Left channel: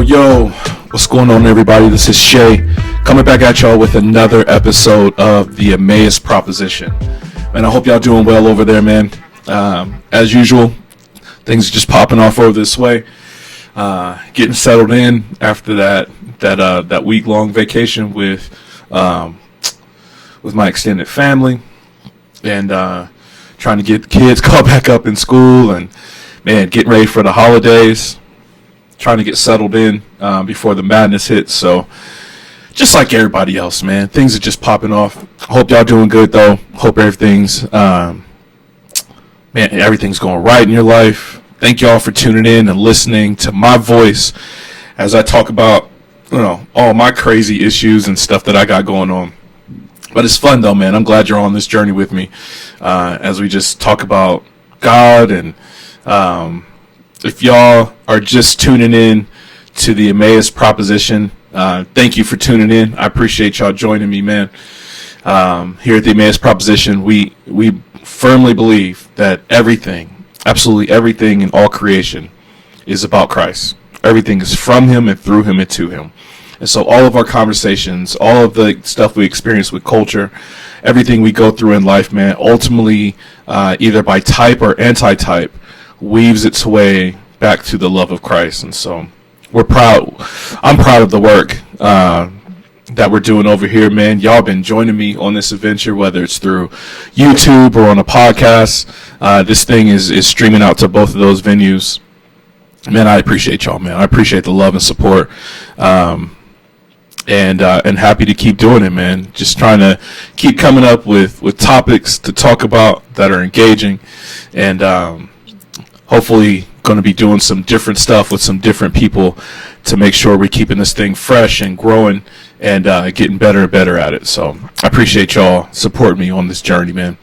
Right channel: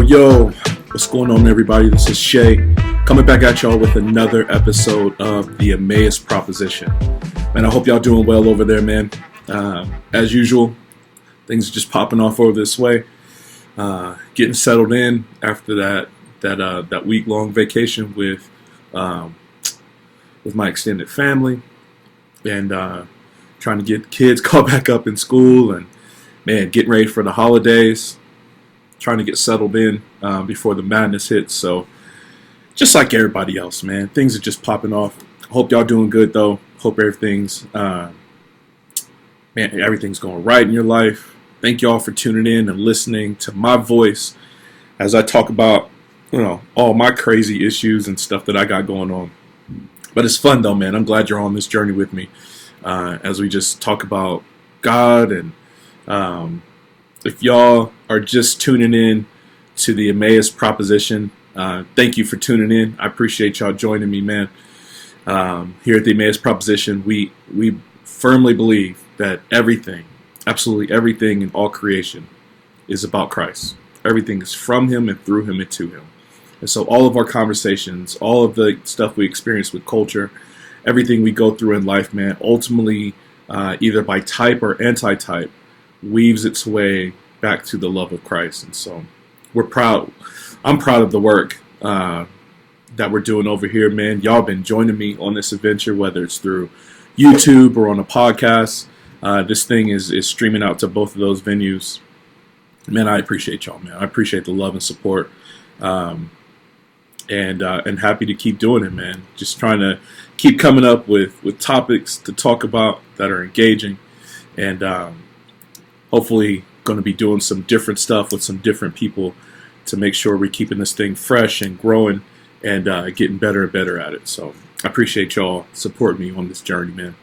Yo, what's going on, everybody? This is Shay coming back at y'all with another episode of the Emmaus Proposition. Man, I hope y'all doing well over there, man. As usual, things are just popping off over this way. Getting settled in after that week-long vacation with my extended family, and trying to get the kids caught back up in school, and man, getting ready for the holidays. Trying to get settled in before the madness hits. So just like everybody else, man, things are just popping off. Hope y'all doing good though. Hope everything's everything's going right in your life. Thank y'all for tuning in and listening to my voice as I talk about, all my crazy issues and stuff that I got going on. But it's fun though, man. I'm glad you're on this journey with me as we just talk about God. And if y'all are just tuning in to the Emmaus Proposition, thank you for tuning in. I appreciate y'all joining me, man. Here at the Emmaus Proposition, we firmly believe that everything, absolutely everything in all creation is about Christ. Everything is from Him and through Him and to Him. And so all of our conversations, all of the stuff we experience with culture, everything we go through in life, man, ultimately, either by type or anti-type, weaves its way back to the love of Christ. And so I'm proud of the work that we're doing over here, man. Y'all been joining me on this adventure, whether it's through YouTube or on a podcast. This thing is streaming out to both of those venues. Man, I appreciate y'all, man. I appreciate the love and support, and happy to keep doing it, man. Just trying to keep coming up with topics to talk about that are engaging, and hopefully going to be doing some different stuff with some different people to make sure we're keeping this thing fresh and growing and getting better and better at it. So I appreciate y'all supporting me on this journey, man.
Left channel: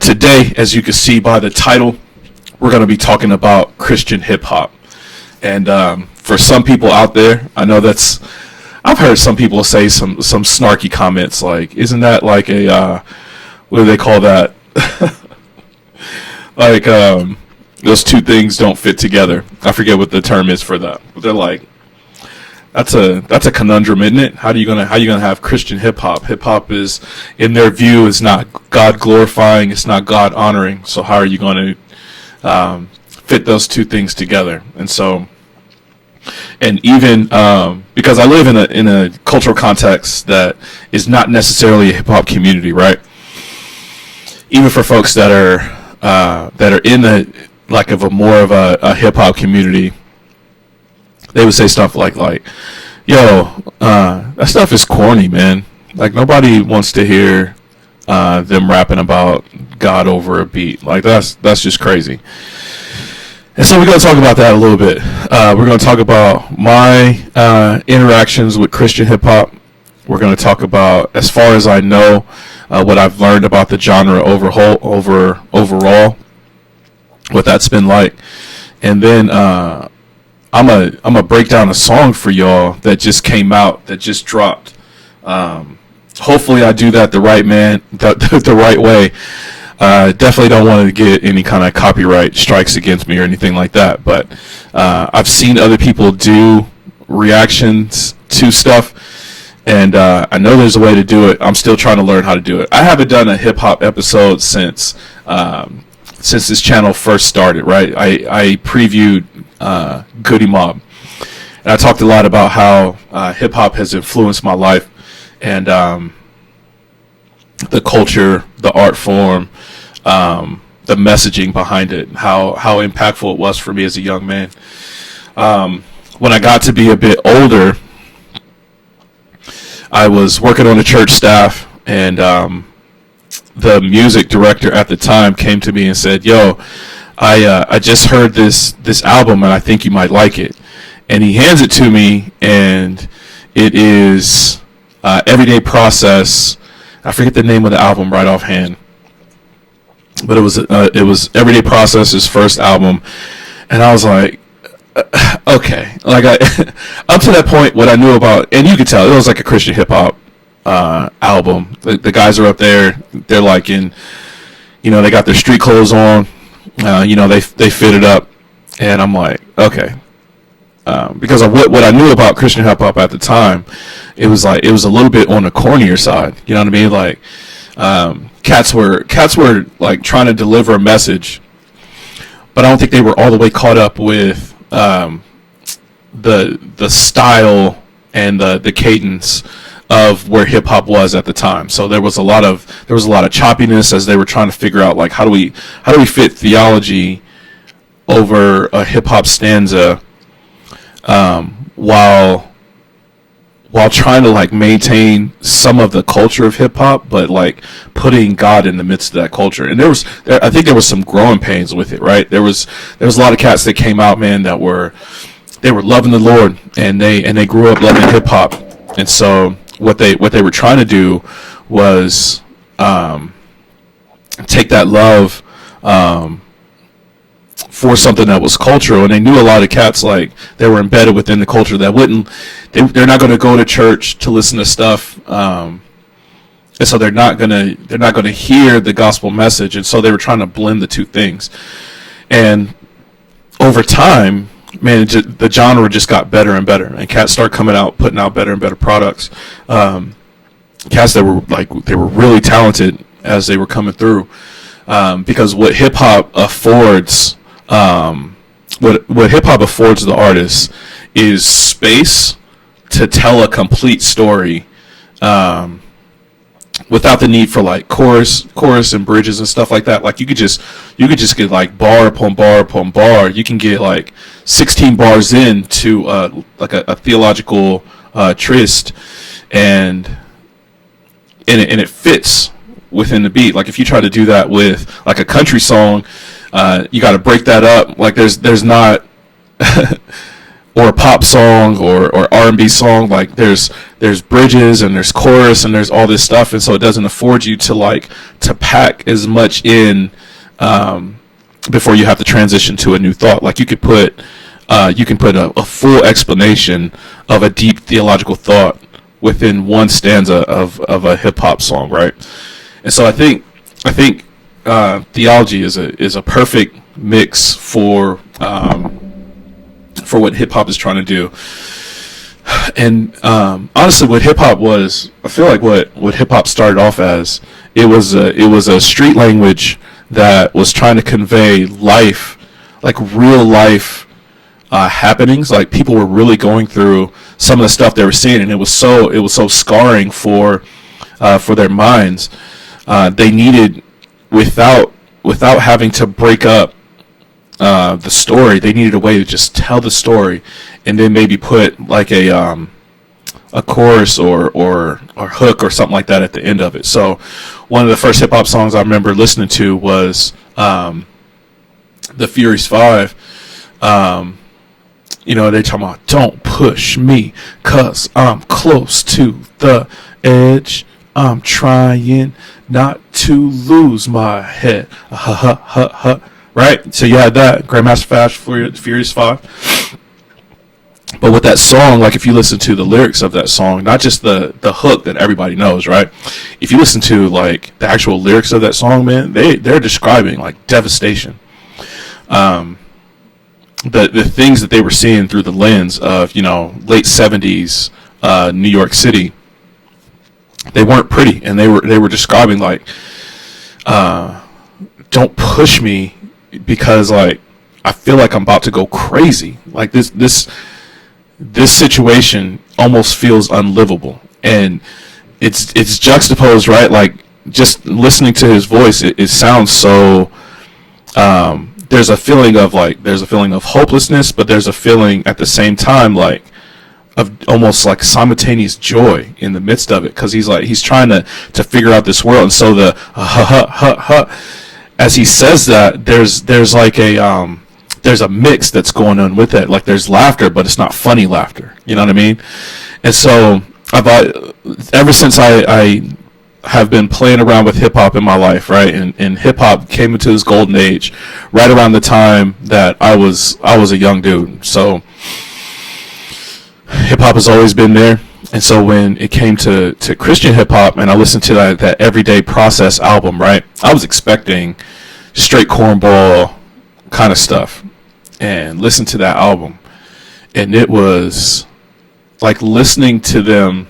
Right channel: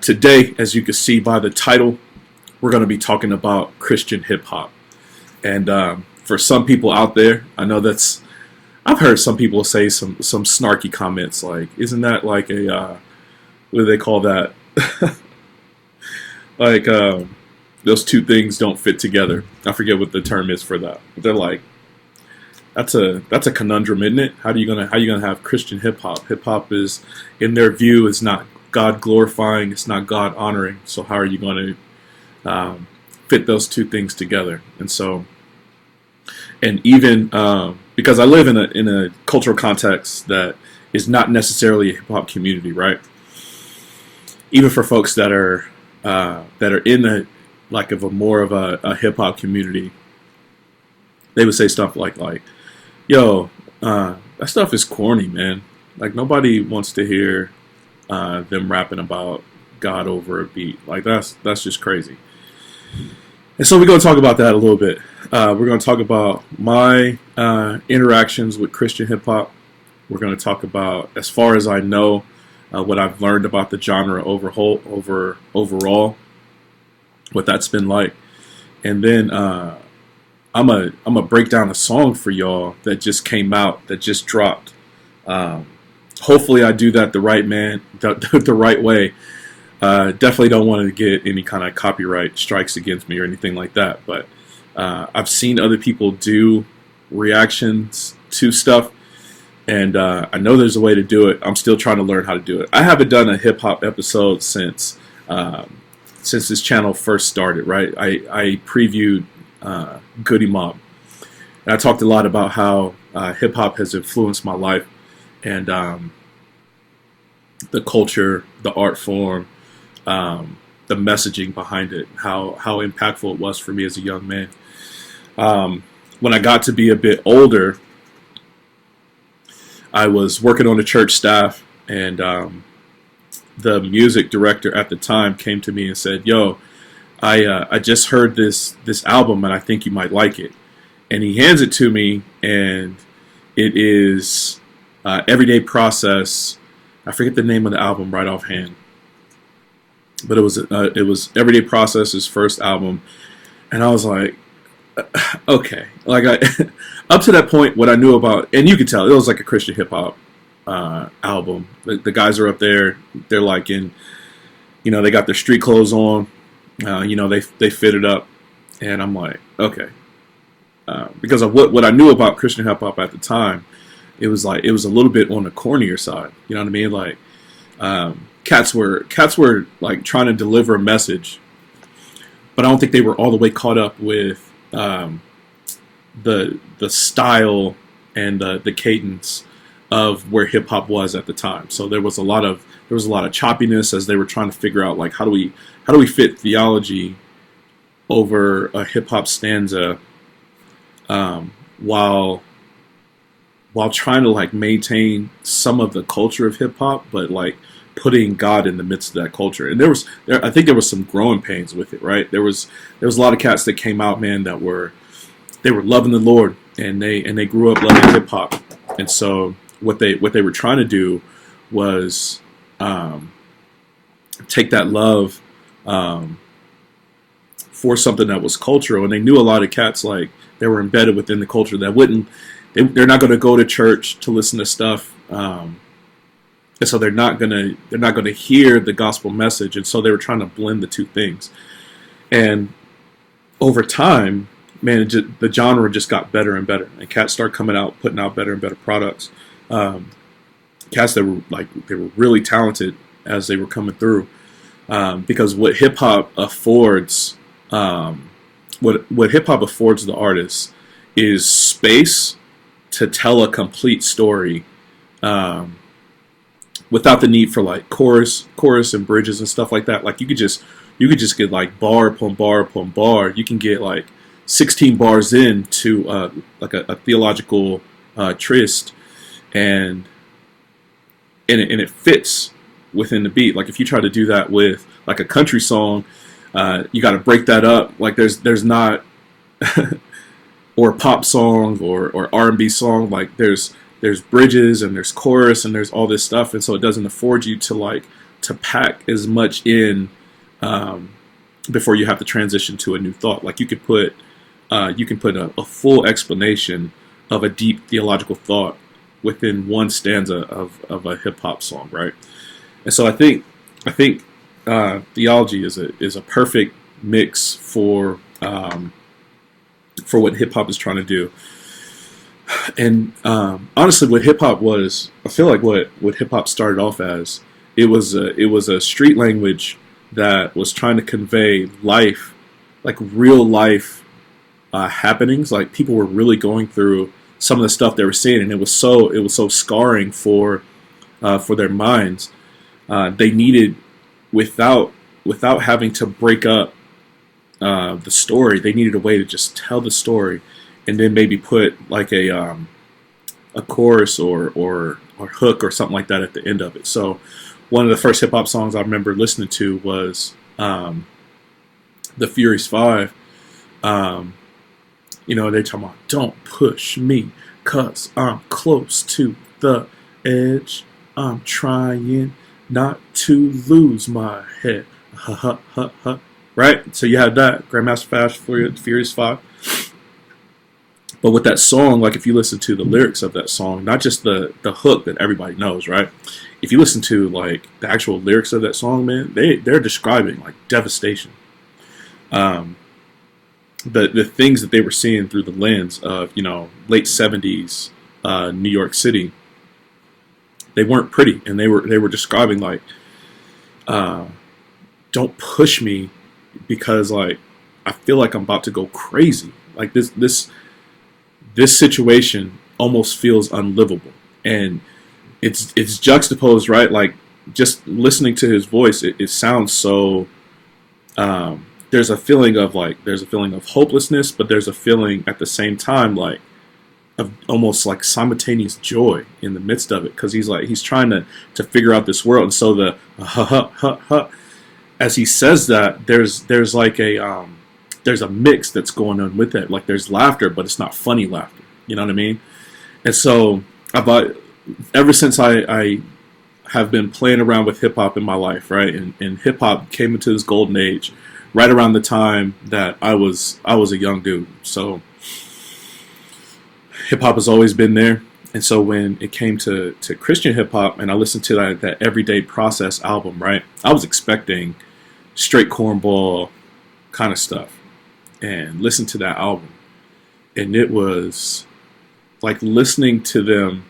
Today, as you can see by the title, we're going to be talking about Christian hip-hop. And for some people out there, I know I've heard some people say some snarky comments like, isn't that like a, what do they call that? Like, those two things don't fit together. I forget what the term is for that. But they're like, that's a conundrum, isn't it? How are you gonna have Christian hip hop? Hip hop is, in their view, is not God glorifying. It's not God honoring. So how are you going to fit those two things together? And so, and even because I live in a cultural context that is not necessarily a hip hop community, right? Even for folks that are in the like of a more of a hip hop community, they would say stuff like, yo, that stuff is corny, man. Like, nobody wants to hear them rapping about God over a beat. Like, that's just crazy. And so we're going to talk about that a little bit. We're going to talk about my interactions with Christian hip hop. We're going to talk about, as far as I know, what I've learned about the genre overall, what that's been like. And then I'm a break down a song for y'all that just came out, that just dropped. Hopefully I do that the right way. Definitely don't want to get any kind of copyright strikes against me or anything like that, but I've seen other people do reactions to stuff, and I know there's a way to do it. I'm still trying to learn how to do it. I haven't done a hip hop episode since this channel first started, right? I previewed Goody Mob, and I talked a lot about how hip hop has influenced my life, and the culture, the art form, the messaging behind it, how impactful it was for me as a young man. When I got to be a bit older, I was working on a church staff, and the music director at the time came to me and said, yo, I just heard this album and I think you might like it. And he hands it to me, and it is Everyday Process. I forget the name of the album right offhand, but it was Everyday Process's first album. And I was like, okay, like up to that point, what I knew about, and you could tell it was like a Christian hip hop album. The guys are up there, they're like in, they got their street clothes on, they fit it up, and I'm like, okay, because of what I knew about Christian hip hop at the time. It was like, it was a little bit on the cornier side. You know what I mean? Like, cats were like trying to deliver a message, but I don't think they were all the way caught up with the style and the cadence of where hip hop was at the time. So there was a lot of choppiness as they were trying to figure out, like, how do we fit theology over a hip hop stanza, while trying to like maintain some of the culture of hip hop, but like putting God in the midst of that culture. And I think there was some growing pains with it, right? There was a lot of cats that came out, man, that were loving the Lord, and they grew up loving hip hop. And so what they were trying to do was take that love for something that was cultural. And they knew a lot of cats, like, they were embedded within the culture that they're not going to go to church to listen to stuff, and so they're not going to hear the gospel message. And so they were trying to blend the two things. And over time, man, the genre just got better and better, and cats started putting out better and better products. Cats that were really talented as they were coming through, because what hip hop affords, what hip hop affords the artist is space to tell a complete story, without the need for like chorus and bridges and stuff like that. Like you could just get like bar upon bar upon bar. You can get like 16 bars into like a theological tryst, and it fits within the beat. Like if you try to do that with like a country song, you got to break that up. Like there's not or a pop song or R&B song, like there's bridges and there's chorus and there's all this stuff, and so it doesn't afford you to pack as much in before you have to transition to a new thought. Like you can put a full explanation of a deep theological thought within one stanza of a hip hop song, right? And so I think theology is a perfect mix for what hip hop is trying to do. And honestly, what hip hop was, I feel like what hip hop started off as, it was a street language that was trying to convey life, like real life happenings. Like people were really going through some of the stuff they were seeing, and it was so scarring for their minds. They needed, without having to break up the story, they needed a way to just tell the story, and then maybe put like a chorus or hook or something like that at the end of it. So one of the first hip hop songs I remember listening to was the Furious 5. They talking about, don't push me 'cause I'm close to the edge. I'm trying not to lose my head. Right? So you had that Grandmaster Flash for Furious 5. But with that song, like if you listen to the lyrics of that song, not just the hook that everybody knows, right? If you listen to like the actual lyrics of that song, man, they're describing like devastation. The things that they were seeing through the lens of, late 70s New York City, they weren't pretty, and they were describing like, don't push me because like I feel like I'm about to go crazy. Like this situation almost feels unlivable, and it's juxtaposed, right? Like just listening to his voice, it sounds so. There's a feeling of hopelessness, but there's a feeling at the same time like of almost like simultaneous joy in the midst of it, because he's trying to figure out this world. And so the as he says that, there's like there's a mix that's going on with it. Like there's laughter, but it's not funny laughter. You know what I mean? And so ever since I have been playing around with hip hop in my life, right? And hip hop came into this golden age right around the time that I was a young dude. So hip hop has always been there. And so when it came to Christian hip hop, and I listened to that Everyday Process album, right? I was expecting straight cornball kind of stuff, and listened to that album, and it was like listening to them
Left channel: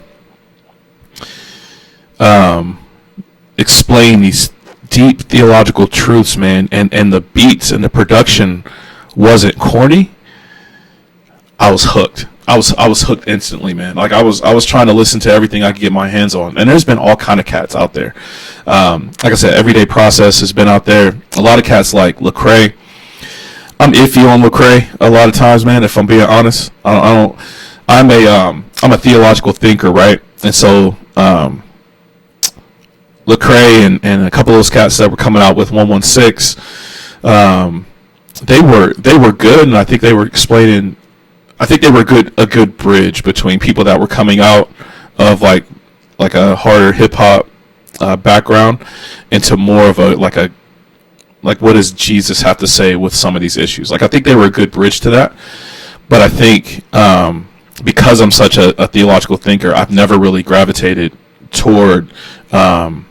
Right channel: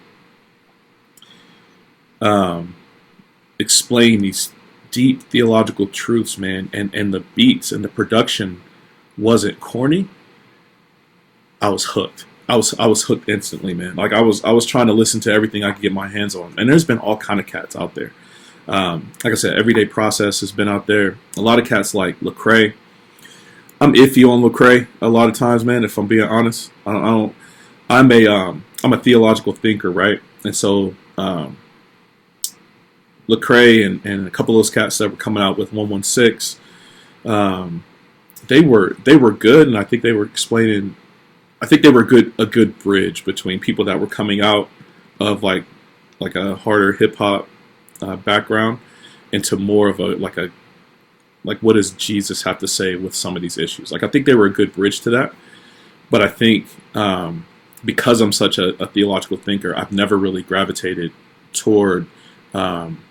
explain these deep theological truths, man, and the beats and the production wasn't corny. I was hooked. I was hooked instantly, man. Like I was trying to listen to everything I could get my hands on, and there's been all kind of cats out there. Like I said, Everyday Process has been out there. A lot of cats like Lecrae. I'm iffy on Lecrae a lot of times, man. If I'm being honest, I don't. I'm a theological thinker, right? And so Lecrae and a couple of those cats that were coming out with 116, they were good, and I think they were explaining. I think they were a good bridge between people that were coming out of like a harder hip hop background into more of a what does Jesus have to say with some of these issues. Like I think they were a good bridge to that, but I think because I'm such a theological thinker, I've never really gravitated toward most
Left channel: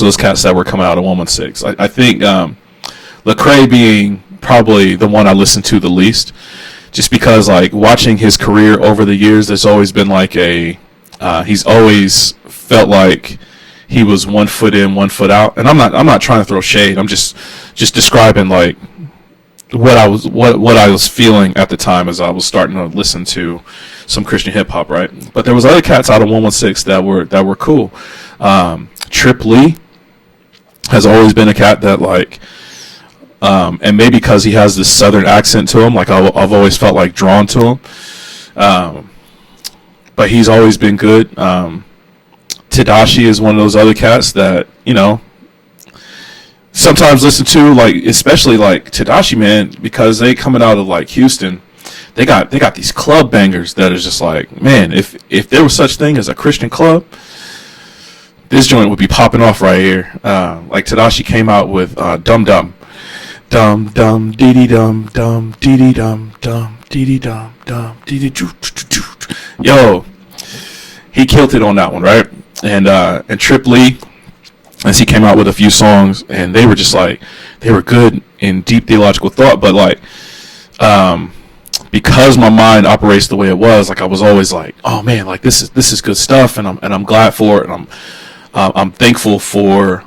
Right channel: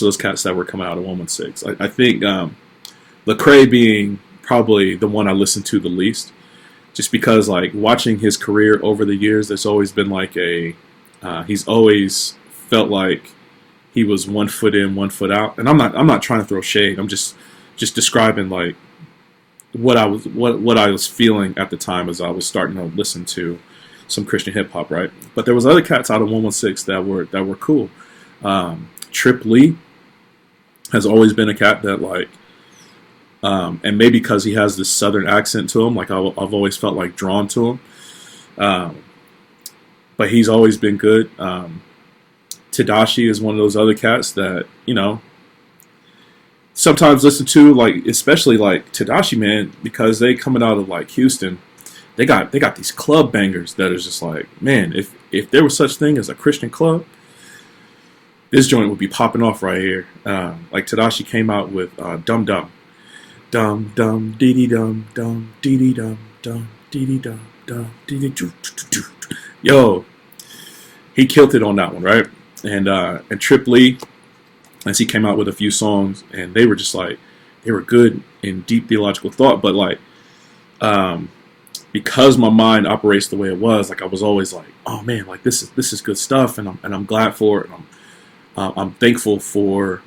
of those cats that were coming out of 116. I think Lecrae being probably the one I listened to the least, just because like watching his career over the years, there's always been like he's always felt like he was 1 foot in, 1 foot out. And I'm not trying to throw shade. I'm just describing like what I was feeling at the time as I was starting to listen to some Christian hip hop, right? But there was other cats out of 116 that were cool. Trip Lee has always been a cat that like, and maybe because he has this southern accent to him, like I've always felt like drawn to him. But he's always been good. Tadashi is one of those other cats that, you know, sometimes listen to, like, especially like Tadashi, man, because they coming out of like Houston, they got these club bangers that is just like, man, if there was such thing as a Christian club, this joint would be popping off right here. Like Tadashi came out with Dum Dum. Dum Dum Dee Dee Dum Dum Dee Dee Dum Dum Dee Dee Dum Dum Dee Dee Doo. Yo, he killed it on that one, right? And Trip Lee, as he came out with a few songs, and they were just like, they were good in deep theological thought, but like because my mind operates the way it was, like I was always like, oh man, like this is good stuff, and I'm glad for it, and I'm thankful for.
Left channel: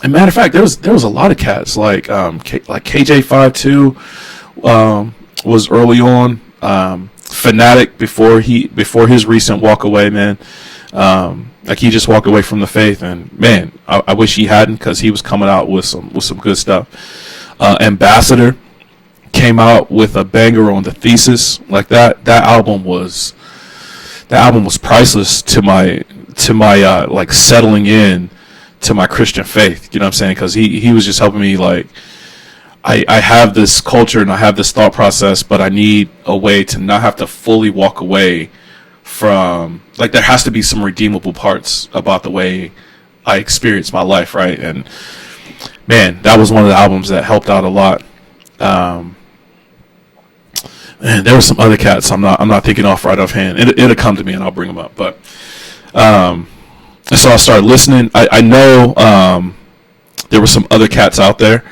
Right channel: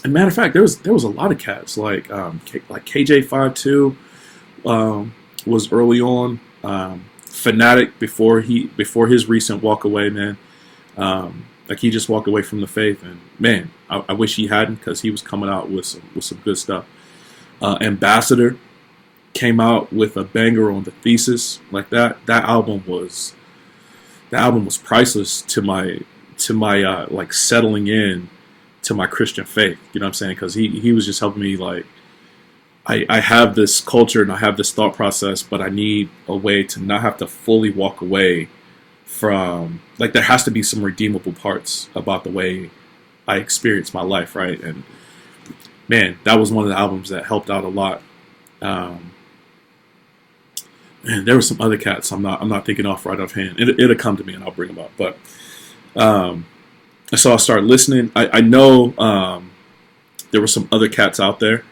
And matter of fact, there was a lot of cats like KJ52 was early on. Fanatic before his recent walk away, man. Like he just walked away from the faith, and man, I wish he hadn't, because he was coming out with some good stuff. Ambassador came out with a banger on The Thesis. Like that album was priceless to my like settling in to my Christian faith. You know what I'm saying? Because he was just helping me, like, I have this culture and I have this thought process, but I need a way to not have to fully walk away from, like, there has to be some redeemable parts about the way I experience my life, right? And man, that was one of the albums that helped out a lot. And there were some other cats I'm not thinking off right offhand. It'll come to me and I'll bring them up. But so I started listening. I know there were some other cats out there,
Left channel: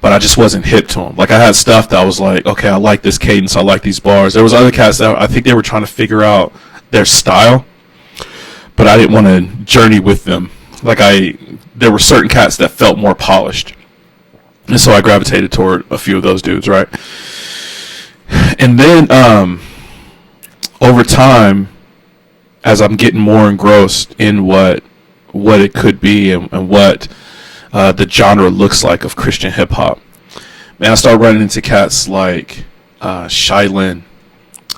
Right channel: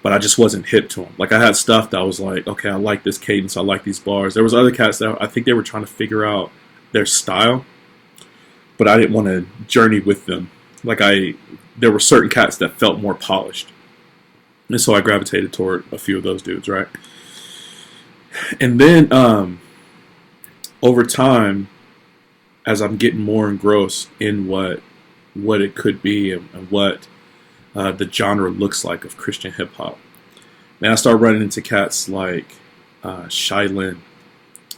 but I just wasn't hip to them. Like I had stuff that I was like, okay, I like this cadence, I like these bars. There was other cats that I think they were trying to figure out their style, but I didn't want to journey with them. Like there were certain cats that felt more polished, and so I gravitated toward a few of those dudes, right? And then over time, as I'm getting more engrossed in what it could be and what the genre looks like of Christian hip hop, man, I started running into cats like Shylin,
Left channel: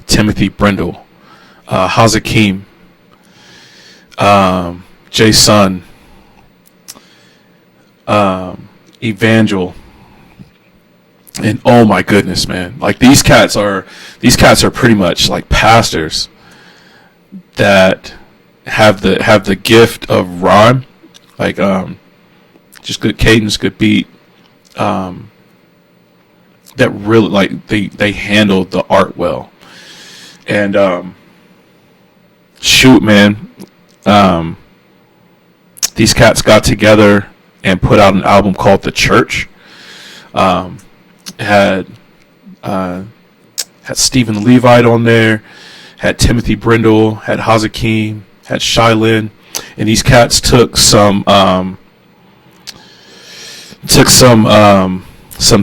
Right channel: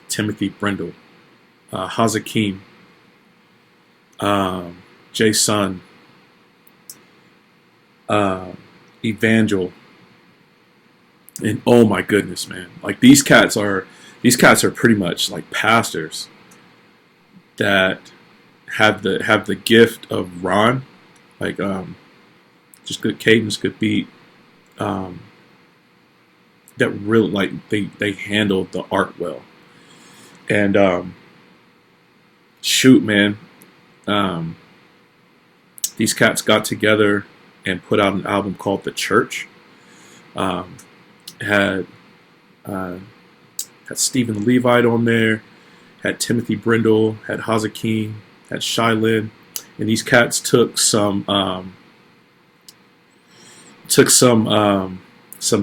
Timothy Brindle, Hazakim, Jason, Evangel, and oh my goodness, man! Like these cats are pretty much like pastors that have the gift of rhyme, like just good cadence, good beat. That really, like, they handle the art well. And shoot, man, these cats got together and put out an album called The Church. Had had Stephen the Levite on there, had Timothy Brindle, had Hazakim, had Shylin, and these cats took some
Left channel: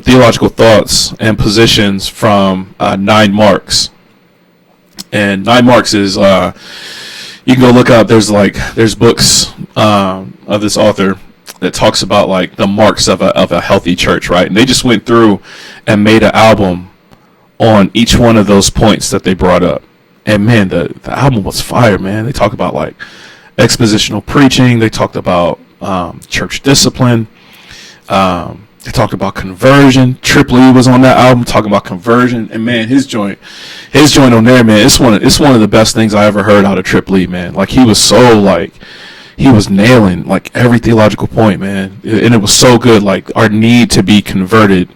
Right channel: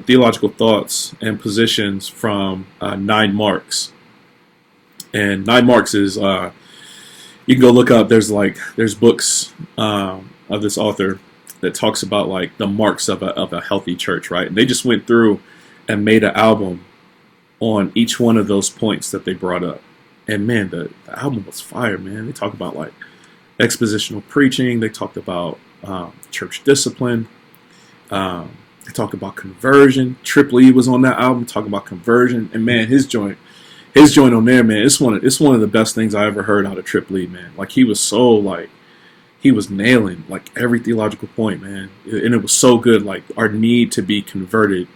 theological thoughts and positions from 9 Marks. And 9 Marks is you can go look up. There's books of this author that talks about like the marks of a healthy church, right? And they just went through and made an album on each one of those points that they brought up. And man, the album was fire, man. They talk about like expositional preaching. They talked about church discipline. They talked about conversion. Triple E was on that album talking about conversion. And man, his joint on there, man, it's one of the best things I ever heard out of Triple E, man. Like he was nailing like every theological point, man. And it was so good. Like our need to be converted,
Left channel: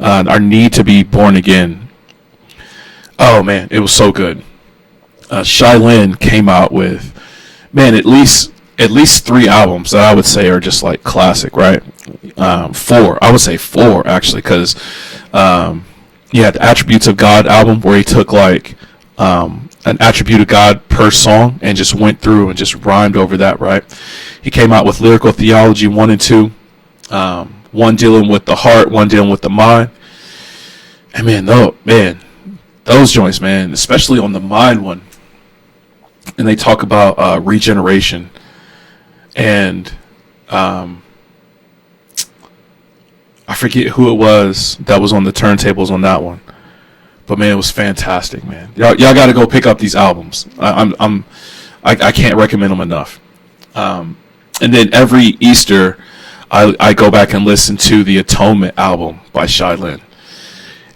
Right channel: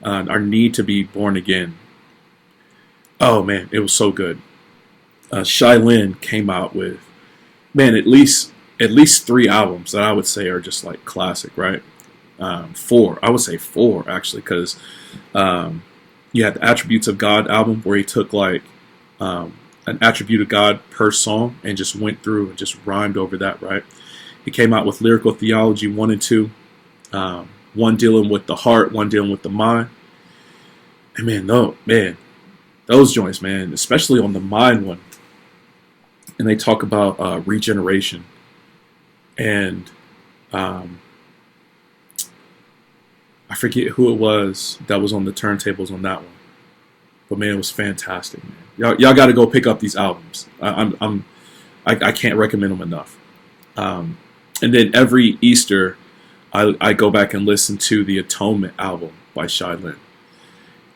our need to be born again. Oh man, it was so good. Shylin came out with, man, at least 3 albums that I would say are just like classic, right? 4, I would say 4 actually, because you had the Attributes of God album where he took like an attribute of God per song and just went through and just rhymed over that, right? He came out with Lyrical Theology 1 and 2, one dealing with the heart, one dealing with the mind. And man, those joints, man, especially on the mind one. And they talk about regeneration and I forget who it was that was on the turntables on that one, but man, it was fantastic, man. Y'all got to go pick up these albums. I can't recommend them enough. And then every Easter, I go back and listen to the Atonement album by Shylin,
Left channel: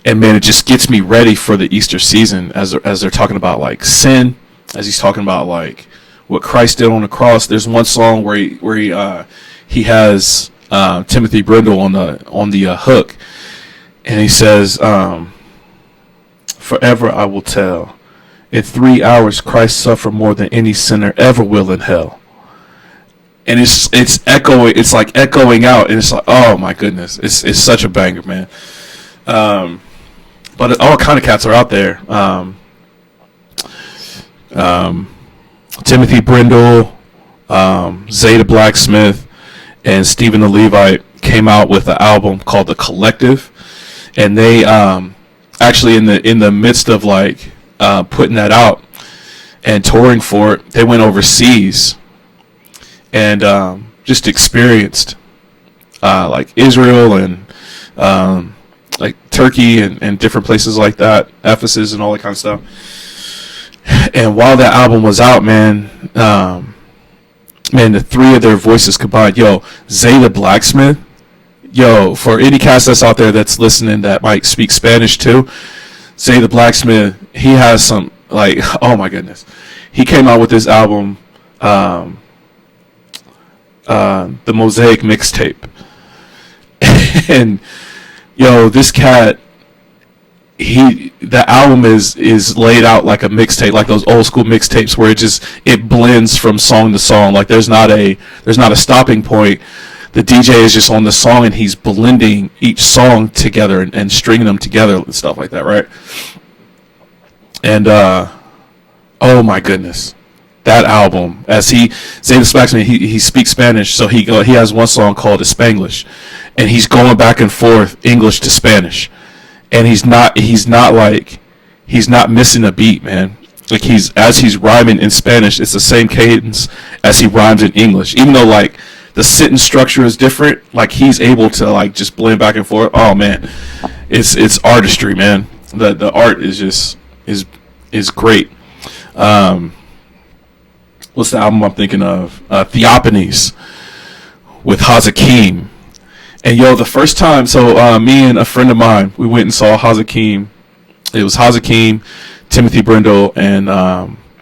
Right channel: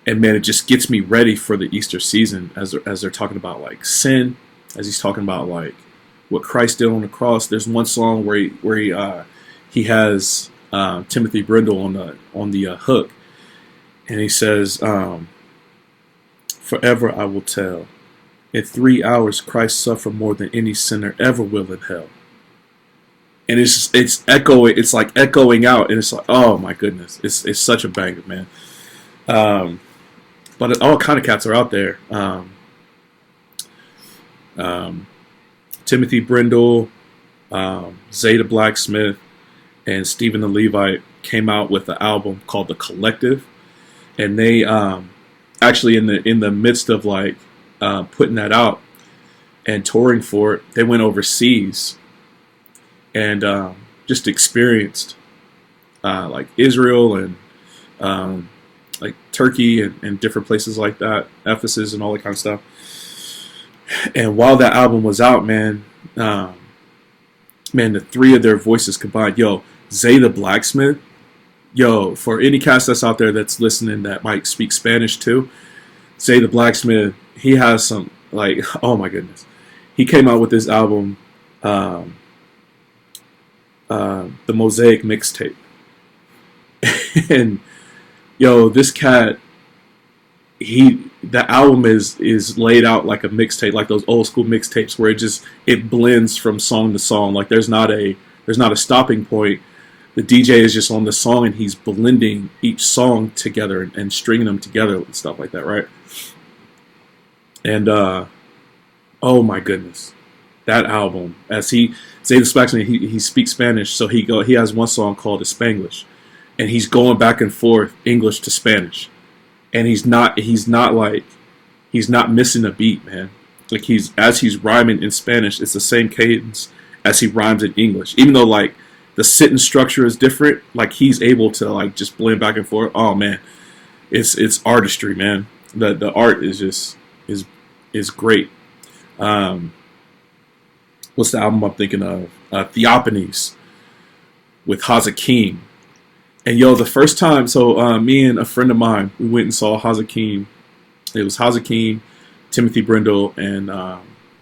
and man, it just gets me ready for the Easter season as they're talking about like sin, as he's talking about like what Christ did on the cross. There's one song where he has Timothy Brindle on the hook, and he says, "Forever I will tell, in 3 hours Christ suffered more than any sinner ever will in hell." And it's echoing, it's like echoing out, and it's like, oh my goodness, it's such a banger, man. But all kind of cats are out there. Timothy Brindle, Zeta Blacksmith, and Stephen the Levite came out with an album called The Collective, and they actually in the midst of like putting that out and touring for it, they went overseas and just experienced like Israel and like Turkey and different places like that, Ephesus and all that kind of stuff. And while that album was out, man, the 3 of their voices combined, Zeta Blacksmith, for any cast that's out there that's listening that might speak Spanish too, Zeta Blacksmith, he has some, like, oh my goodness. He came out with this album, the Mosaic Mixtape. And, this cat, the album is laid out like a mixtape, like those old school mixtapes where it blends from song to song. Like there's not a stopping point. The DJ is just on the song and he's blending each song together and stringing them together and stuff like that, right? And oh my goodness, that album, Zeta Blacksmith, he speaks Spanish, so he has one song called Spanglish, and he's going back and forth English to Spanish. And he's not missing a beat, man. Like as he's rhyming in Spanish, it's the same cadence as he rhymes in English. Even though like the sentence structure is different, like he's able to like just blend back and forth. Oh man, it's artistry, man. The art is just is great. What's the album I'm thinking of? Theophanies with Hazakim. And the first time, so me and a friend of mine, we went and saw Hazakim. It was Hazakim, Timothy Brindle, and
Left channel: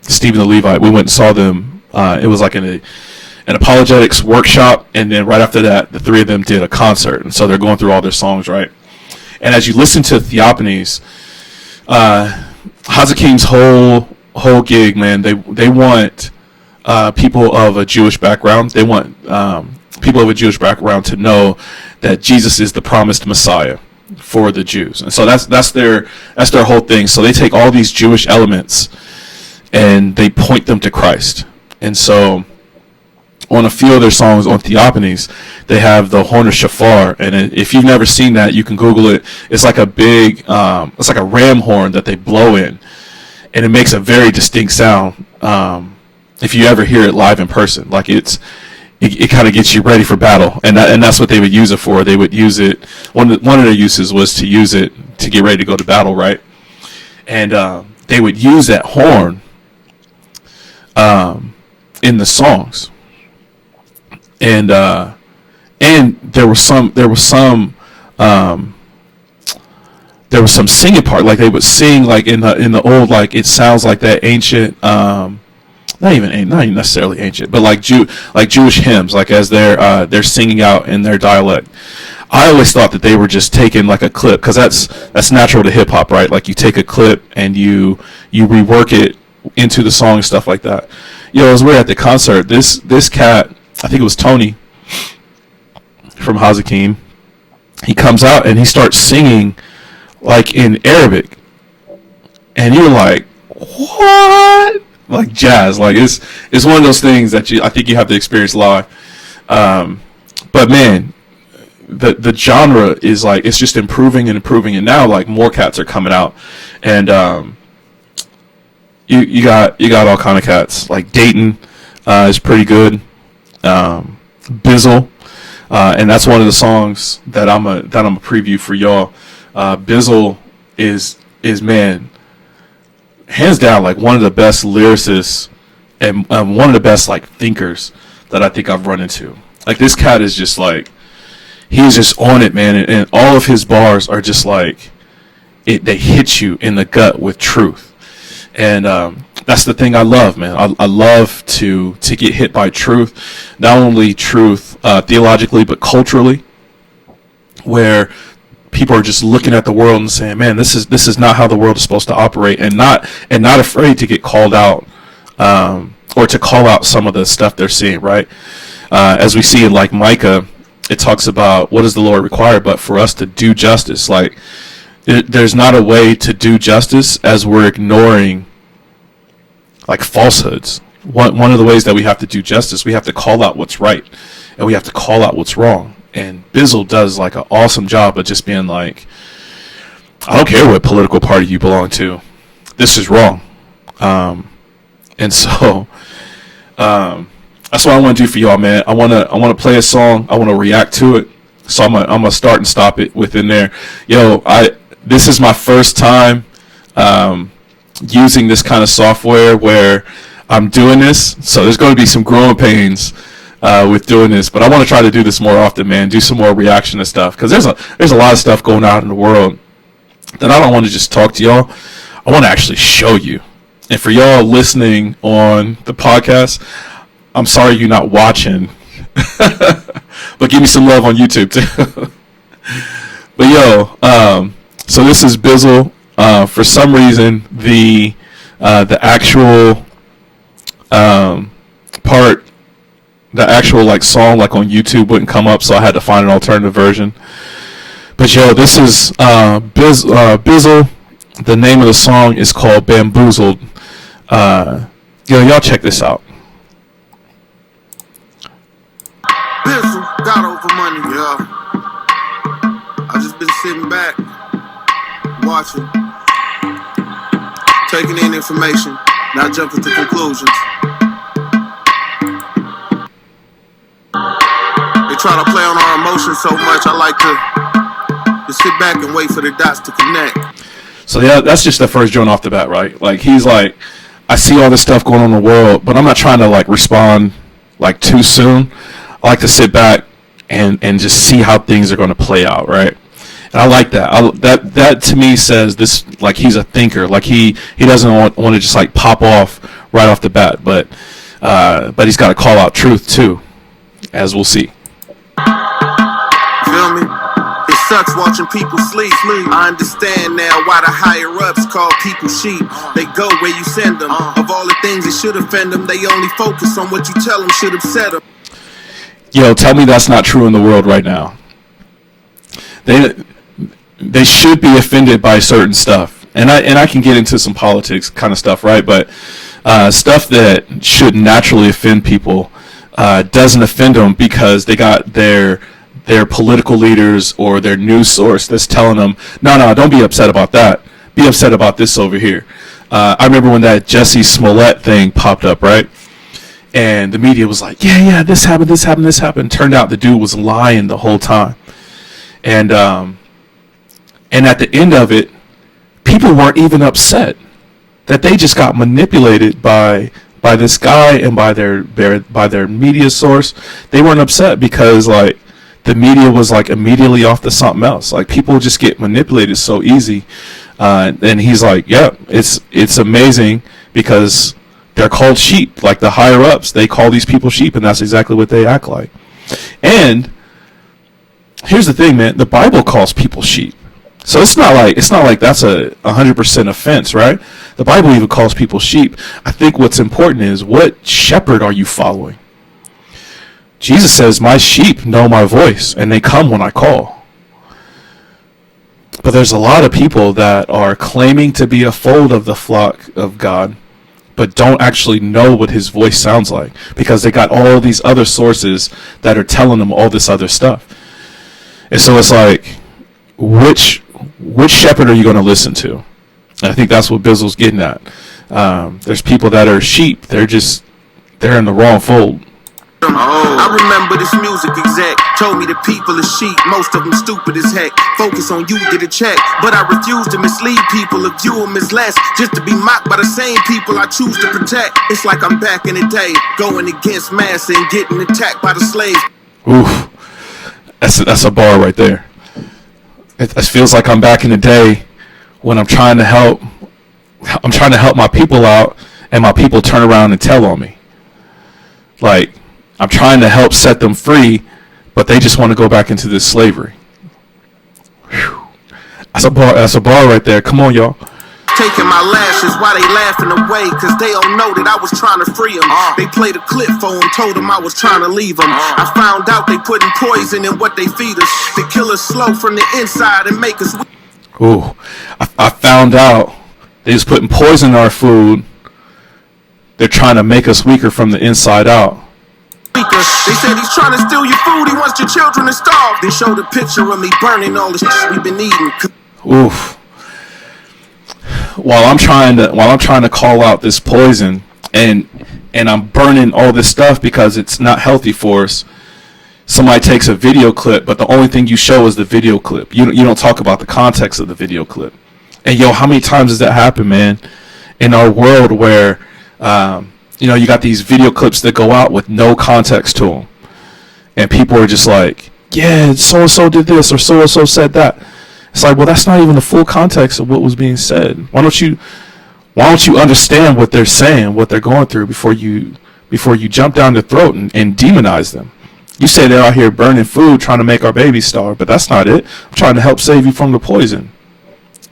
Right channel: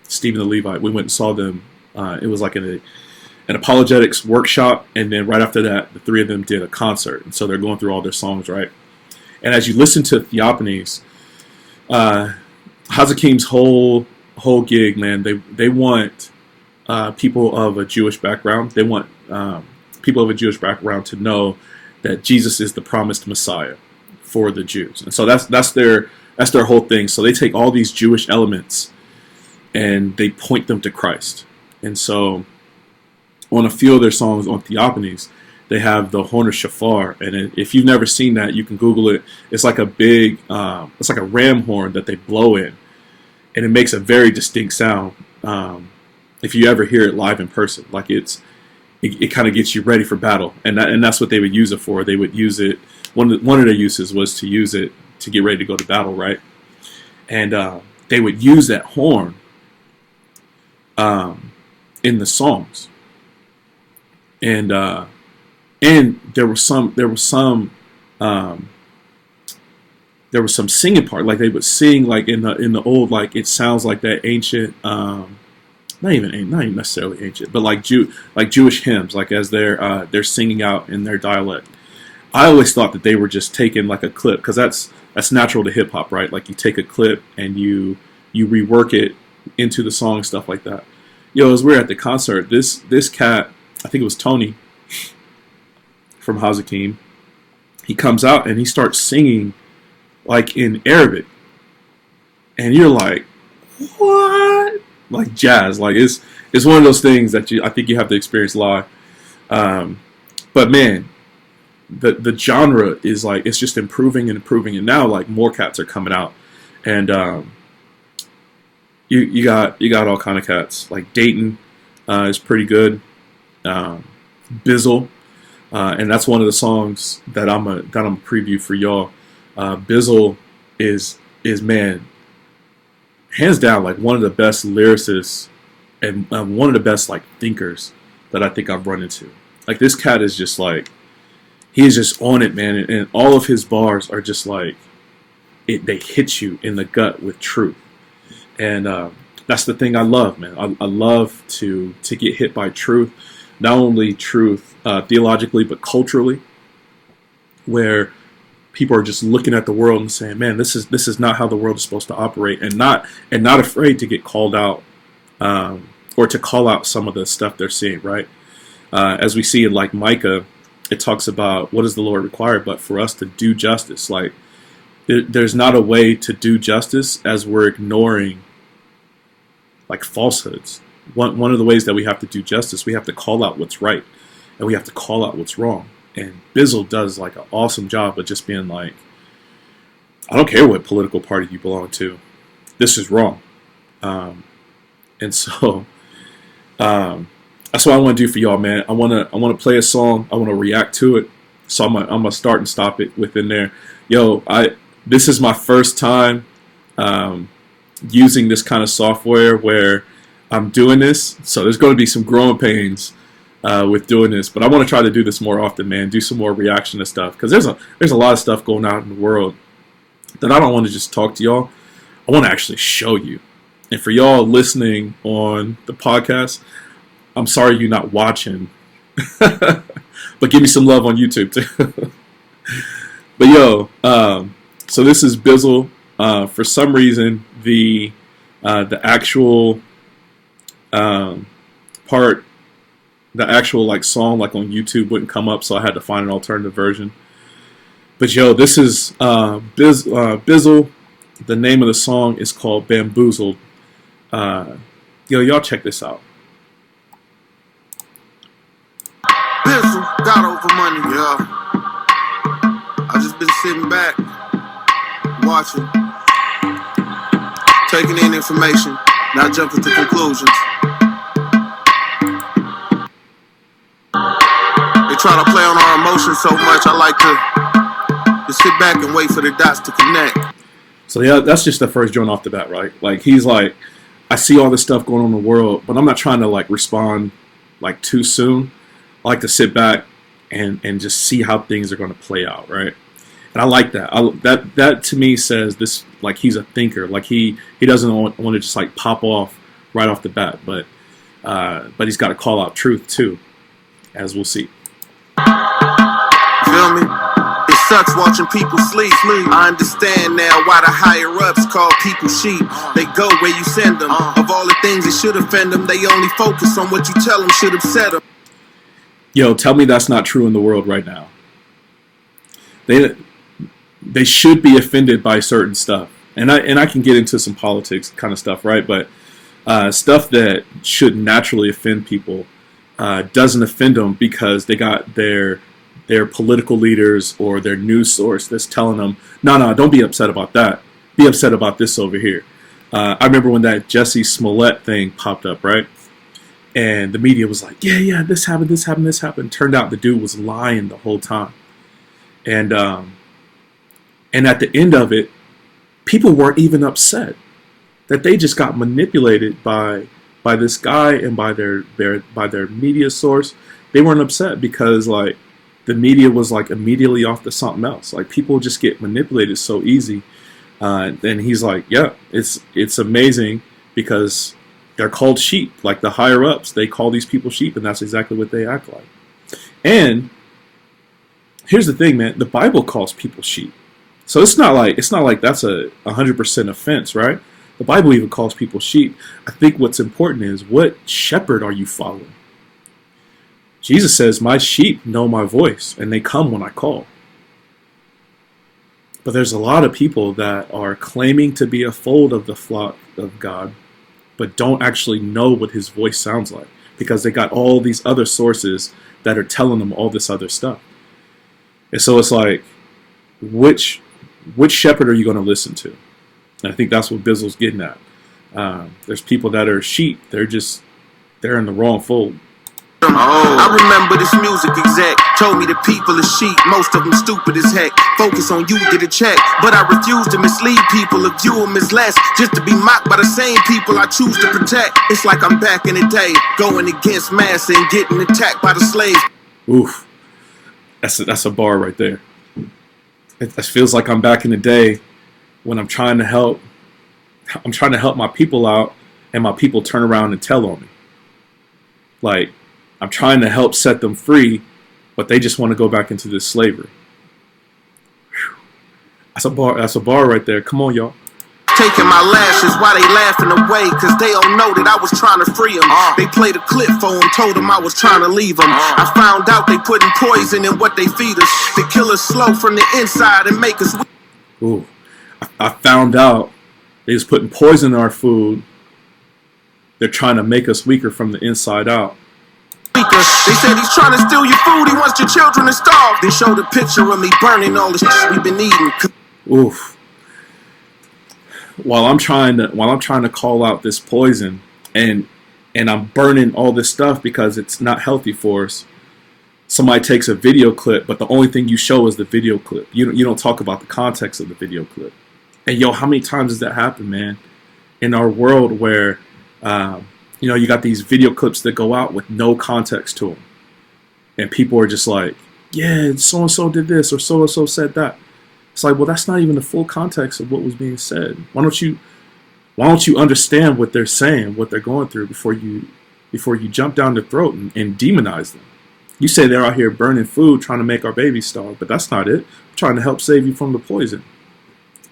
Stephen the Levite. We went and saw them. It was like an apologetics workshop, and then right after that, the 3 of them did a concert. And so they're going through all their songs, right? And as you listen to Theophanies, Hazakim's whole gig, man, they want people of a Jewish background. They want people of a Jewish background to know that Jesus is the promised Messiah for the Jews. And so that's their whole thing. So they take all these Jewish elements and they point them to Christ. And so on a few of their songs on Theophanies, they have the horn of shofar, and if you've never seen that, you can Google it. It's like a big, it's like a ram horn that they blow in, and it makes a very distinct sound. If you ever hear it live in person, like it kind of gets you ready for battle, and that's what they would use it for. They would use it. One of their uses was to use it to get ready to go to battle, right? And they would use that horn in the songs, and there was some singing part, like they would sing like in the old, like it sounds like that ancient, not even necessarily ancient, but like Jewish hymns, like as they're singing out in their dialect. I always thought that they were just taking like a clip, because that's natural to hip hop, right? Like you take a clip and you rework it into the song and stuff like that. As we're at the concert, this cat, I think it was Tony from Hazakim, he comes out and he starts singing like in Arabic, and you're like, what? Like jazz, like it's one of those things that I think you have to experience live. But man, the genre is like, it's just improving and improving, and now like more cats are coming out, and you got all kind of cats. Like Dayton is pretty good. Bizzle, and that's one of the songs that I'm a preview for y'all. Bizzle is man, hands down, like one of the best lyricists and one of the best like thinkers that I think I've run into. Like this cat is just like, he's just on it, man, and all of his bars are just like they hit you in the gut with truth. And that's the thing I love, man. I love to get hit by truth, not only truth theologically, but culturally, where people are just looking at the world and saying, man, this is not how the world is supposed to operate, and not afraid to get called out, or to call out some of the stuff they're seeing, right? As we see in like Micah, it talks about, what does the Lord require but for us to do justice? Like there's not a way to do justice as we're ignoring like falsehoods. One of the ways that we have to do justice, we have to call out what's right, and we have to call out what's wrong. And Bizzle does like an awesome job of just being like, I don't care what political party you belong to, this is wrong. And so that's what I want to do for y'all, man. I want to play a song. I want to react to it. So I'm gonna start and stop it within there. This is my first time using this kind of software where I'm doing this, so there's going to be some growing pains with doing this, but I want to try to do this more often, man. Do some more reaction to stuff, because there's a lot of stuff going on in the world that I don't want to just talk to y'all. I want to actually show you. And for y'all listening on the podcast, I'm sorry you're not watching, but give me some love on YouTube too. But so this is Bizzle. For some reason, the actual part, the actual like song like on YouTube wouldn't come up, so I had to find an alternative version. But this is Bizzle. The name of the song is called Bamboozled. Y'all check this out. Bizzle, got over money, yeah. I just been sitting back, watching, taking in information, not jumping to conclusions. They try to play on our emotions so much, I like to sit back and wait for the dots to connect. So that's just the first joint off the bat, right? Like he's like, I see all this stuff going on in the world, but I'm not trying to like respond like too soon. I like to sit back and just see how things are going to play out, right? And I like that. That to me says this, like he's a thinker. Like he doesn't want to just like pop off right off the bat, but he's got to call out truth too, as we'll see. Feel me? It sucks watching people sleep. I understand now why the higher ups call people sheep. They go where you send them. Of all the things that should offend them, they only focus on what you tell them should upset them. Yo, tell me that's not true in the world right now. they should be offended by certain stuff, and I can get into some politics kind of stuff, right? But stuff that should naturally offend people doesn't offend them because they got their political leaders or their news source that's telling them, no, don't be upset about that. Be upset about this over here. I remember when that Jussie Smollett thing popped up, right? And the media was like, yeah, this happened. Turned out the dude was lying the whole time. And at the end of it, people weren't even upset that they just got manipulated by this guy and by their media source. They weren't upset because like the media was like immediately off to something else. Like people just get manipulated so easy. And he's like, yeah, it's amazing because they're called sheep. Like the higher ups, they call these people sheep, and that's exactly what they act like. And here's the thing, man. The Bible calls people sheep, so it's not like that's a 100% offense, right? The Bible even calls people sheep. I think what's important is what shepherd are you following? Jesus says, "My sheep know my voice, and they come when I call." But there's a lot of people that are claiming to be a fold of the flock of God, but don't actually know what his voice sounds like because they got all these other sources that are telling them all this other stuff. And so it's like, which shepherd are you going to listen to? And I think that's what Bizzle's getting at. There's people that are sheep. They're in the wrong fold. I remember this music exec told me the people are sheep, most of them stupid as heck. Focus on you, get a check. But I refuse to mislead people or view them as less, just to be mocked by the same people I choose to protect. It's like I'm back in the day, going against mass and getting attacked by the slaves. Oof, that's a bar right there. It feels like I'm back in the day when I'm trying to help my people out, and my people turn around and tell on me. Like, I'm trying to help set them free, but they just want to go back into this slavery. Whew. That's a bar right there. Come on, y'all. Taking my lashes while they laughing away, cause they don't know that I was trying to free them. They played a clip for him, told him I was trying to leave them. I found out they putting poison in what they feed us to kill us slow from the inside and make us weak. Ooh, I found out they was putting poison in our food. They're trying to make us weaker from the inside out. They said he's trying to steal your food, he wants your children to starve. They showed a picture of me burning all the shit we've been eating. Oof. While I'm trying to call out this poison and I'm burning all this stuff because it's not healthy for us, somebody takes a video clip, but the only thing you show is the video clip. You don't talk about the context of the video clip. And yo, how many times does that happen, man? In our world where you got these video clips that go out with no context to them, and people are just like, yeah, so and so did this or so and so said that. It's like, well, that's not even the full context of what was being said. Why don't you understand what they're saying, what they're going through before you jump down their throat and demonize them? You say they're out here burning food, trying to make our babies starve, but that's not it. I'm trying to help save you from the poison.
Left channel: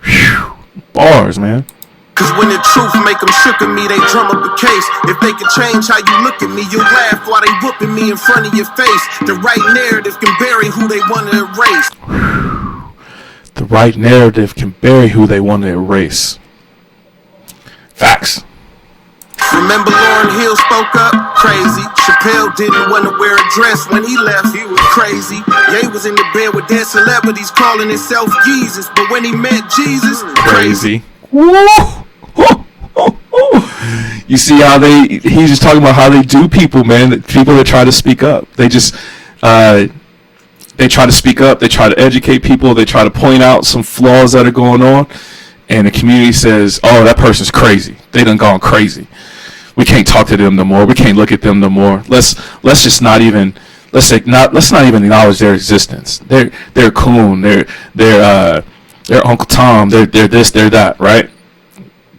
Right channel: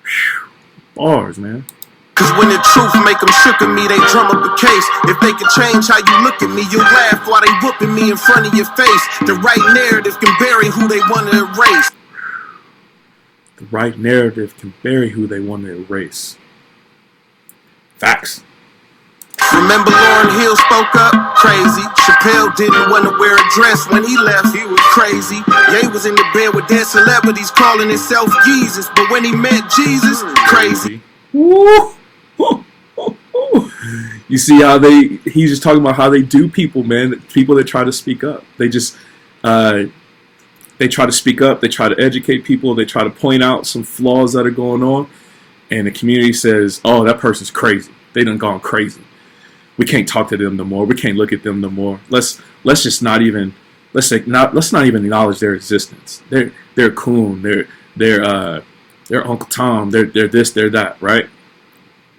Whew. Bars, man. Cause when the truth make them shook at me, they drum up a case. If they can change how you look at me, you'll laugh while they whooping me in front of your face. The right narrative can bury who they want to erase. The right narrative can bury who they want to erase. Facts. Remember Lauryn Hill spoke up? Crazy. Chappelle didn't want to wear a dress when he left. He was crazy. Ye was in the bed with dead celebrities calling himself Jesus. But when he met Jesus, crazy. Woo! You see how he's just talking about how they do people, man. People that try to speak up. They just they try to speak up, they try to educate people, they try to point out some flaws that are going on, and the community says, oh, that person's crazy. They done gone crazy. We can't talk to them no more. We can't look at them no more. Let's not even acknowledge their existence. They're coon, they're Uncle Tom, they're this, they're that, right?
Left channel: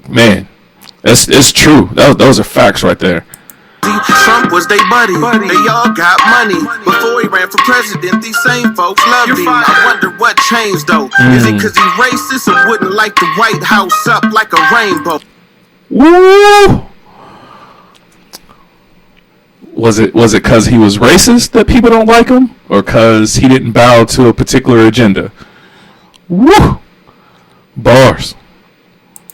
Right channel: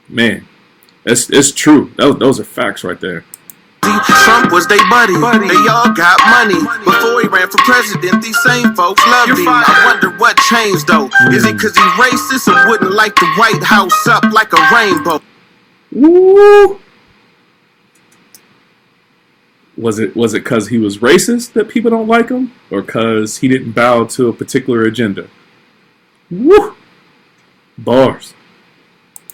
Man, it's true. Those are facts right there. Trump was they buddy. They all got money. Before he ran for president, these same folks loved him. I wonder what changed though. Is it cause he racist or wouldn't light the White House up like a rainbow? Woo! Was it cause he was racist that people don't like him? Or cause he didn't bow to a particular agenda? Woo! Bars.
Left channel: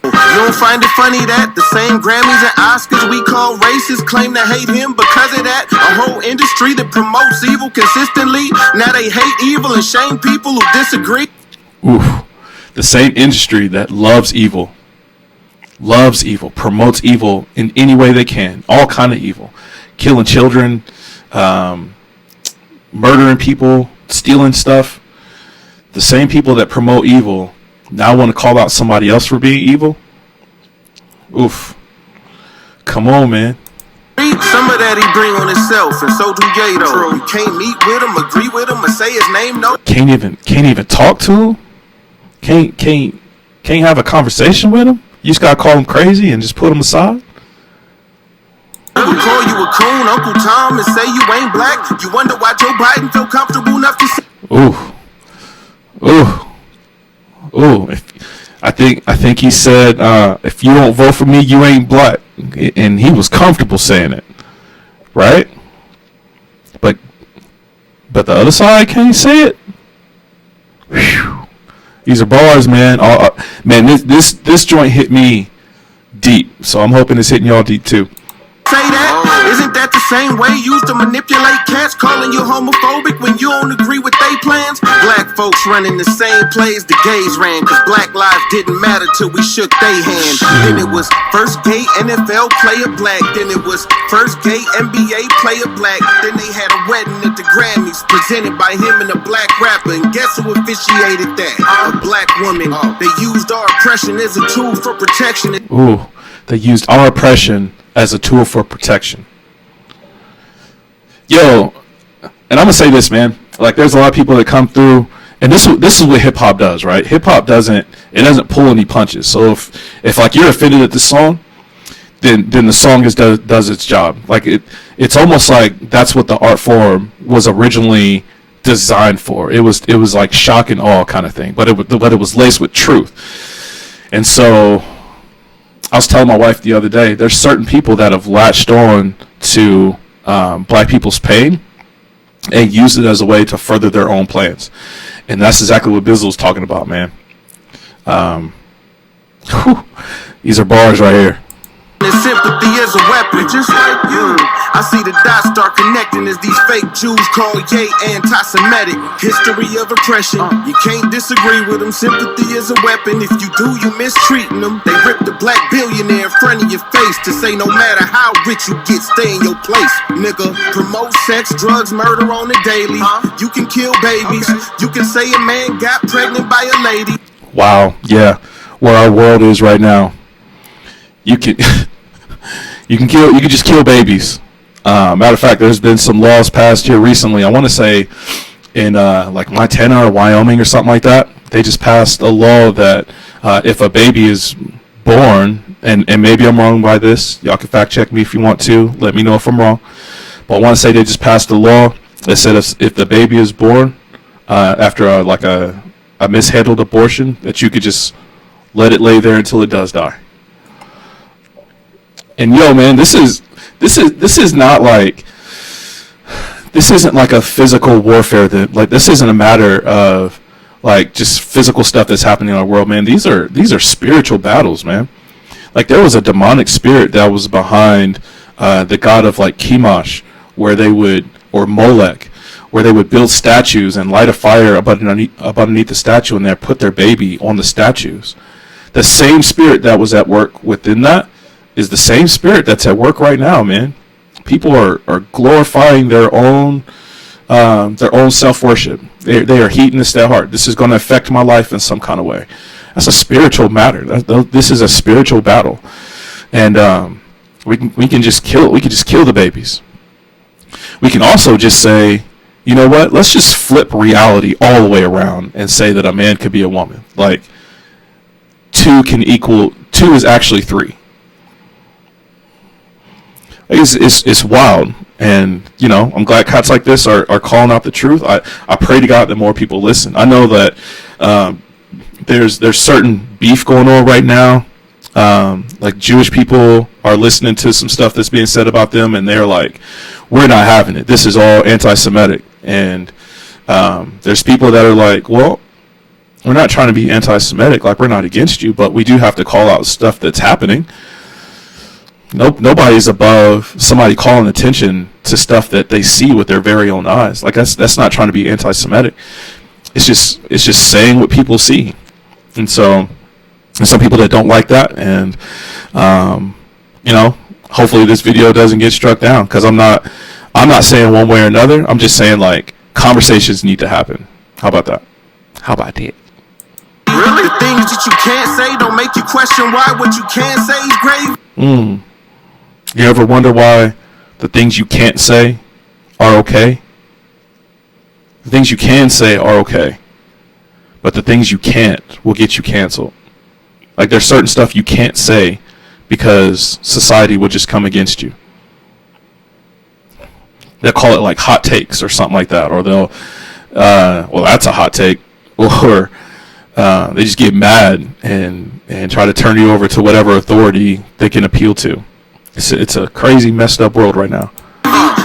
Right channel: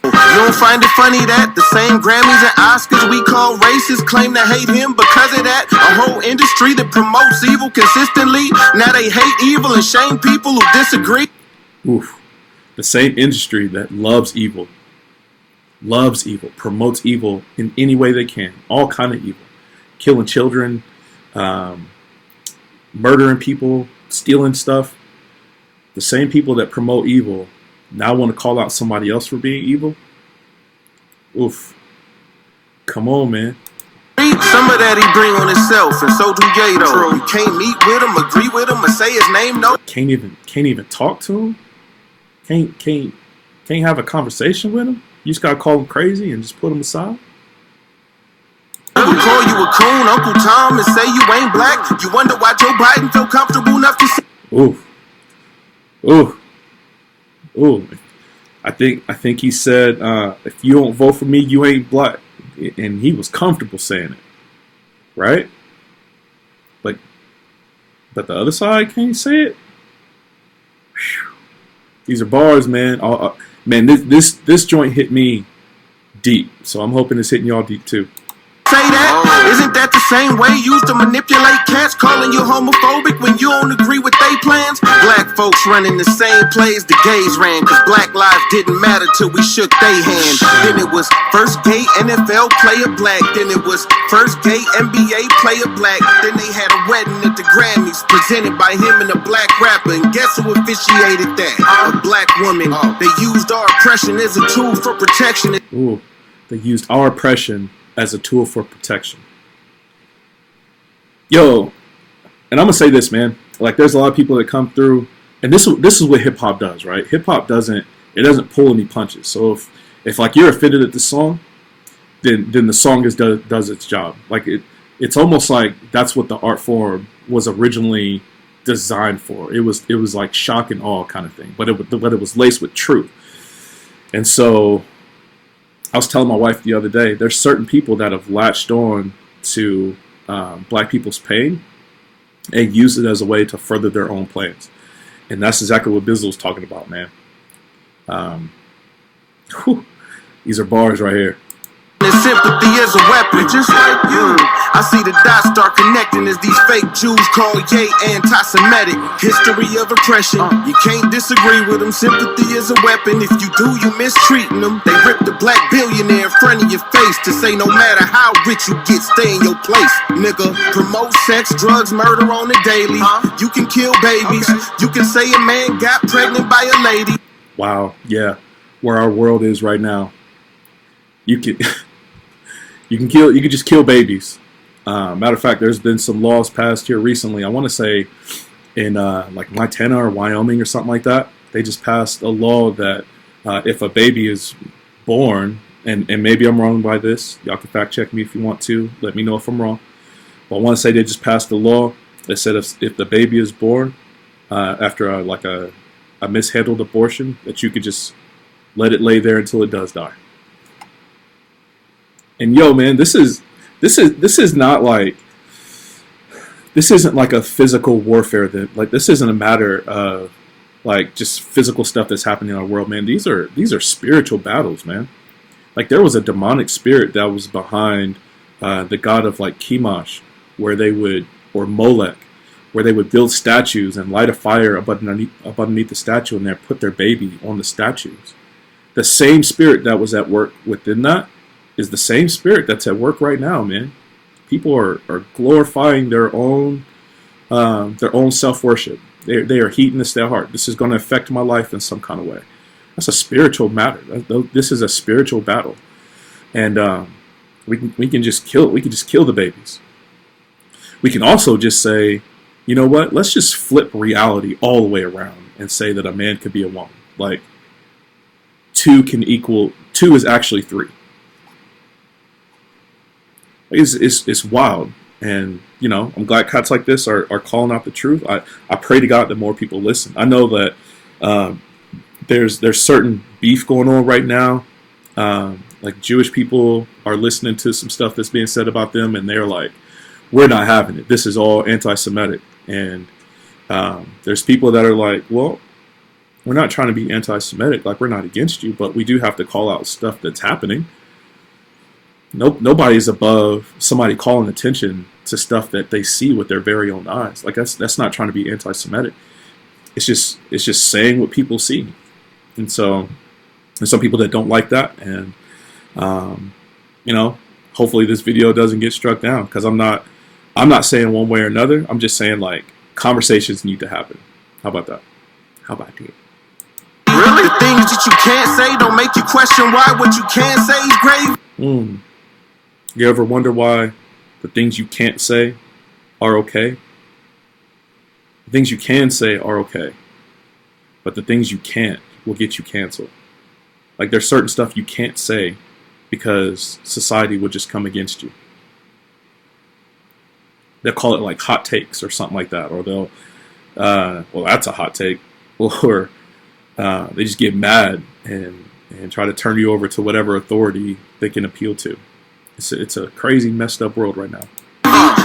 You don't find it funny that the same Grammys and Oscars we call racist claim to hate him because of that? A whole industry that promotes evil consistently. Now they hate evil and shame people who disagree. Oof. The same industry that loves evil, promotes evil in any way they can, all kind of evil, killing children, murdering people, stealing stuff. The same people that promote evil now want to call out somebody else for being evil. Oof. Come on, man. Some of that he bring on himself, and so do Yato. You can't meet with him, agree with him, or say his name. No. Can't even talk to him. Can't have a conversation with him. You just gotta call him crazy and just put him aside. He would call you a coon, Uncle Tom, and say you ain't black. You wonder why Joe Biden felt comfortable enough to say. Ooh. I think he said, if you don't vote for me, you ain't black. And he was comfortable saying it. Right? But the other side can't say it. Whew. These are bars, man. Man, this joint hit me deep. So I'm hoping it's hitting y'all deep too. Say that? Isn't that the same way used to manipulate cats, calling you homophobic when you don't agree with they plans? Black folks running the same plays the gays ran, cause black lives didn't matter till we shook they hand. Then it was first gay NFL player black, then it was first gay NBA player black, then they had a wedding at the Grammys presented by him and a black rapper, and guess who officiated that? A black woman. They used our oppression as a tool for protection. Ooh, they used our oppression as a tool for protection. Yo, and I'm gonna say this, man. Like, there's a lot of people that come through, and this is what hip hop does, right? Hip hop doesn't pull any punches. So if like you're offended at the song, then the song does its job. Like it's almost like that's what the art form was originally designed for. It was like shock and awe kind of thing, but it was laced with truth. And so I was telling my wife the other day, there's certain people that have latched on to black people's pain and use it as a way to further their own plans. And that's exactly what Bizzle was talking about, man. These are bars right here. Sympathy is a weapon, just like you. I see the dots start connecting as these fake Jews call Ye anti-Semitic. History of oppression, you can't disagree with them. Sympathy is a weapon. If you do, you mistreating them. They rip the black billionaire in front of your face to say no matter how rich you get, stay in your place, nigga. Promote sex, drugs, murder on the daily. You can kill babies. You can say a man got pregnant by a lady. Wow, yeah, where our world is right now. You can just kill babies. Matter of fact, there's been some laws passed here recently. I want to say in like Montana or Wyoming or something like that. They just passed a law that if a baby is born, and maybe I'm wrong by this, y'all can fact check me if you want to. Let me know if I'm wrong. But I want to say they just passed a law that said if the baby is born after a mishandled abortion, that you could just let it lay there until it does die. And yo, man, this isn't like a physical warfare that, like, this isn't a matter of like just physical stuff that's happening in our world, man. These are spiritual battles, man. Like, there was a demonic spirit that was behind the god of like Chemosh, or Molech, where they would build statues and light a fire up underneath the statue, and they put their baby on the statues. The same spirit that was at work within that is the same spirit that's at work right now, man. People are glorifying their own self-worship. They are heating this to their heart. This is going to affect my life in some kind of way. That's a spiritual matter. This is a spiritual battle, and we can just kill the babies. We can also just say, you know what? Let's just flip reality all the way around and say that a man could be a woman. Like, 2 is actually 3. It's wild, and you know, I'm glad cats like this are calling out the truth. I pray to God that more people listen. I know that there's certain beef going on right now. Like, Jewish people are listening to some stuff that's being said about them, and they're like, we're not having it. This is all anti-Semitic. And there's people that are like, well, We're not trying to be anti-Semitic. Like, we're not against you, but we do have to call out stuff that's happening. Nobody's above somebody calling attention to stuff that they see with their very own eyes. Like, that's not trying to be anti-Semitic. It's just saying what people see. And so there's some people that don't like that, and hopefully this video doesn't get struck down, because I'm not saying one way or another. I'm just saying, like, conversations need to happen. How about that? How about that? Really? The things that you can't say don't make you question why what you can say is grave. You ever wonder why the things you can't say are okay? The things you can say are okay, but the things you can't will get you canceled. Like, there's certain stuff you can't say because society will just come against you. They'll call it like hot takes or something like that, or they'll, well, that's a hot take, or they just get mad and try to turn you over to whatever authority they can appeal to. It's a crazy, messed up world right now.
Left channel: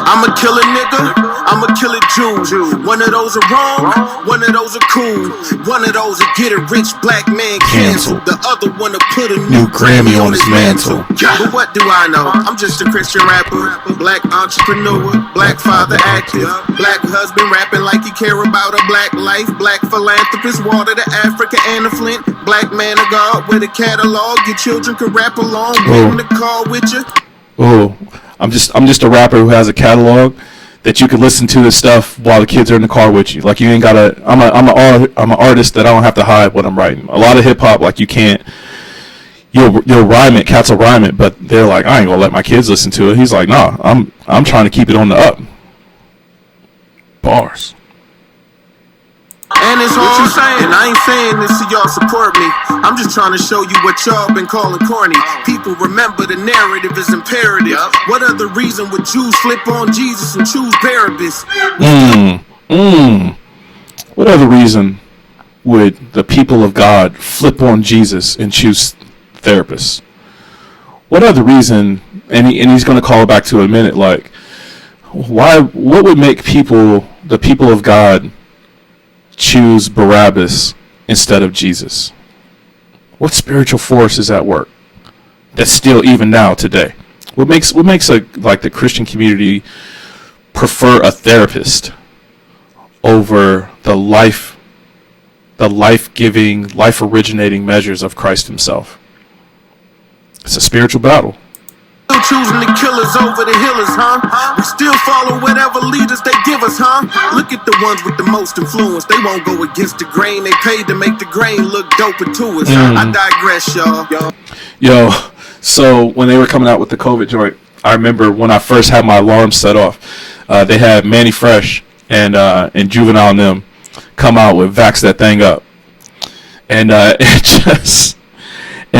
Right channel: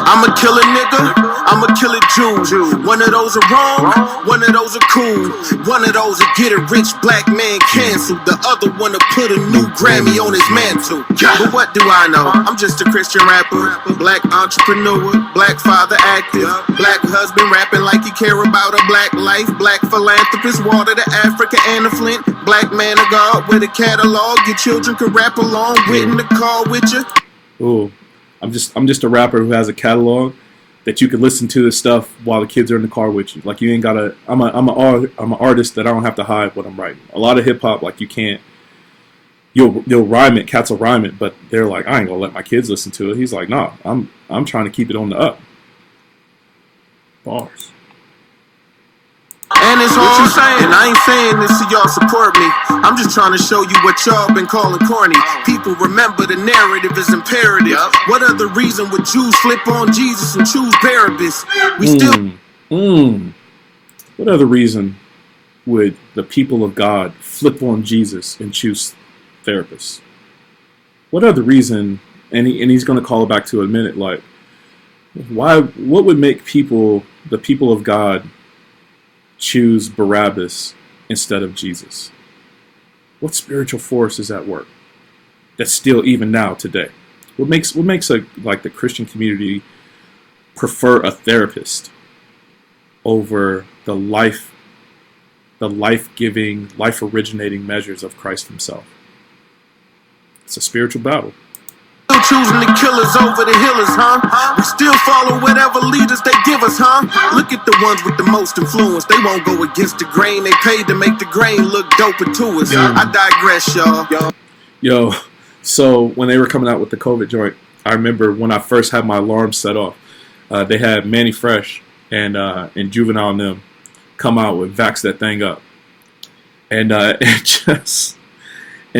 I'm a killer nigga, I'm a killer Jew. One of those are wrong, one of those are cool. One of those will get a rich black man canceled. The other one will put a new Grammy on his mantle. But what do I know? I'm just a Christian rapper, black entrepreneur, black father active, black husband rapping like he care about a black life, black philanthropist, water to Africa and the Flint, black man of God with a catalog your children can rap along with in the car with you. Oh, I'm just a rapper who has a catalog that you can listen to this stuff while the kids are in the car with you. Like, you ain't gotta. I'm an artist that I don't have to hide what I'm writing. A lot of hip hop, like, you can't. You'll rhyme it, cats will rhyme it, but they're like, I ain't gonna let my kids listen to it. He's like, nah, I'm trying to keep it on the up. Bars. And it's what you saying. And I ain't saying this so y'all support me. I'm just trying to show you what y'all been calling corny. People remember the narrative is imperative. What other reason would Jews flip on Jesus and choose Barabbas? What other reason would the people of God flip on Jesus and choose therapists? What other reason? And he's going to call back to it in a minute. Like, why? What would make the people of God, choose Barabbas instead of Jesus? What spiritual force is at work that's still even now today? What makes the Christian community prefer a therapist over the life-giving, life-originating measures of Christ himself? It's a spiritual battle. Still choosing the killers over the healers, huh? We still follow whatever leaders they give us, huh? Look at the ones with the most influence. They won't go against the grain. They paid to make the grain look doper to us. I digress, y'all. Yo, so when they were coming out with the COVID joint, I remember when I first had my alarm set off, they had Manny Fresh and Juvenile and them come out with Vax That Thing Up. And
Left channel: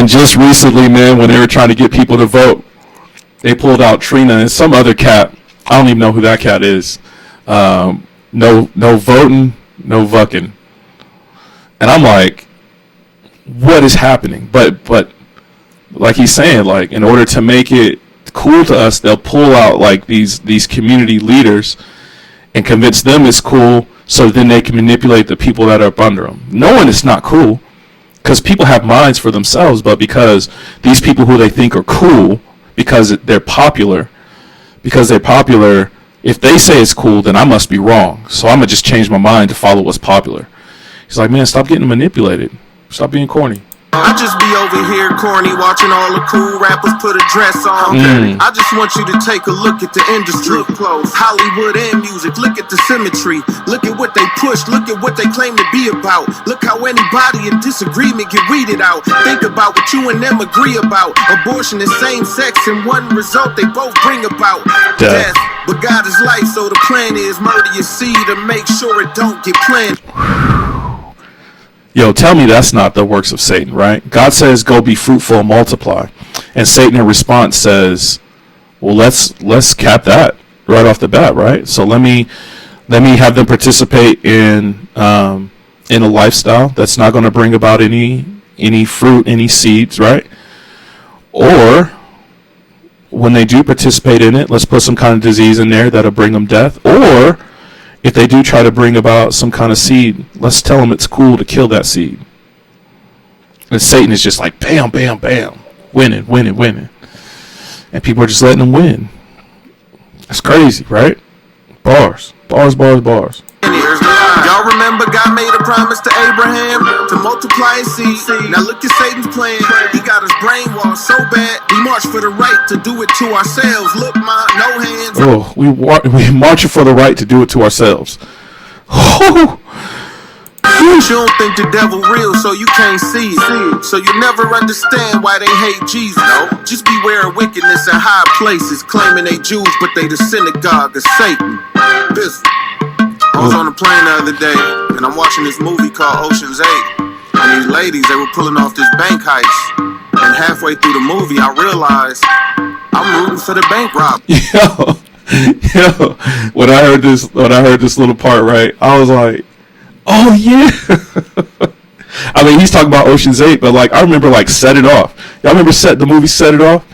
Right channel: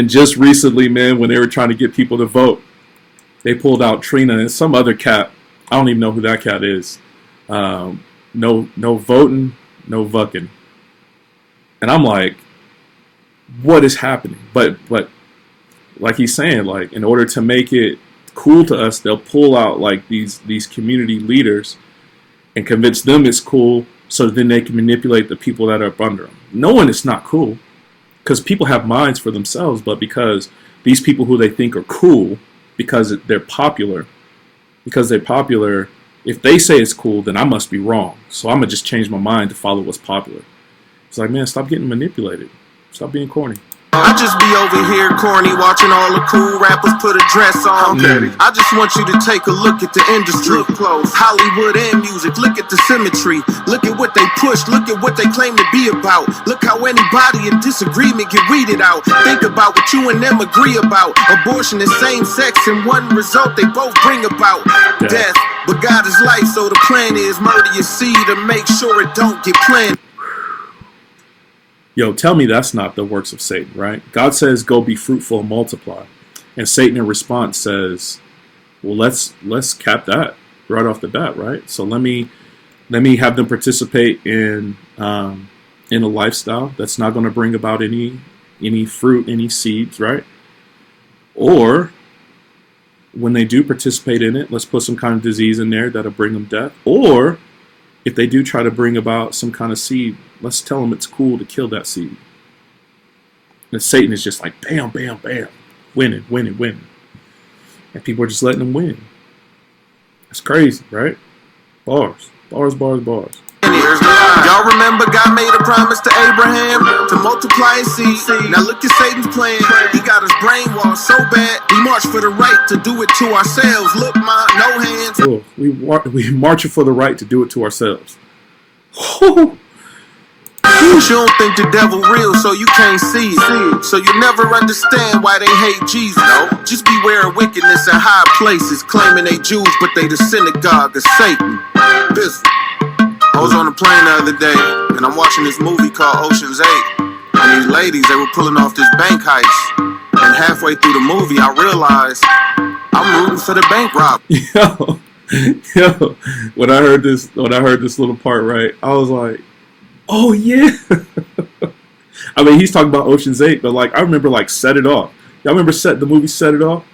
just recently, man, when they were trying to get people to vote, they pulled out Trina and some other cat. I don't even know who that cat is. No voting, no vucking. And I'm like, what is happening? But like he's saying, like, in order to make it cool to us, they'll pull out like these community leaders and convince them it's cool, so then they can manipulate the people that are up under them, knowing it's not cool, because people have minds for themselves. But because these people who they think are cool, because they're popular, if they say it's cool, then I must be wrong. So I'm gonna just change my mind to follow what's popular. He's like, man, stop getting manipulated. Stop being corny. I just be over here corny, watching all the cool rappers put a dress on. I just want you to take a look at the industry. Hollywood and music, look at the symmetry. Look at what they push, look at what they claim to be about. Look how anybody in disagreement get weeded out. Think about what you and them agree about. Abortion is same sex, and one result they both bring about death. But God is life, so the plan is murder your seed to make sure it don't get planted. Yo, tell me that's not the works of Satan, right? God says, go be fruitful and multiply. And Satan in response says, well, let's cap that right off the bat, right? So let me have them participate in a lifestyle that's not going to bring about any fruit, any seeds, right? Or when they do participate in it, let's put some kind of disease in there that'll bring them death. Or if they do try to bring about some kind of seed, let's tell them it's cool to kill that seed. And Satan is just like, bam, bam, bam, winning, winning, winning. And people are just letting them win. That's crazy, right? Bars, bars, bars, bars. Y'all remember God made a promise to Abraham to multiply his seed. Now look at Satan's plan. He got us brainwashed so bad. We march for the right to do it to ourselves. Look, ma, no hands. Oh, we marching for the right to do it to ourselves. Oh. You don't think the devil real, so you can't see it. So you never understand why they hate Jesus. No, just beware of wickedness in high places, claiming they Jews, but they the synagogue of Satan. I was on a plane the other day, and I'm watching this movie called Ocean's 8. And these ladies, they were pulling off this bank heist. And halfway through the movie, I realized I'm rooting for the bank robber. Yo, when I heard this little part, right, I was like, oh yeah. I mean, he's talking about Ocean's 8, but like I remember like Set It Off. Y'all remember the movie Set It Off?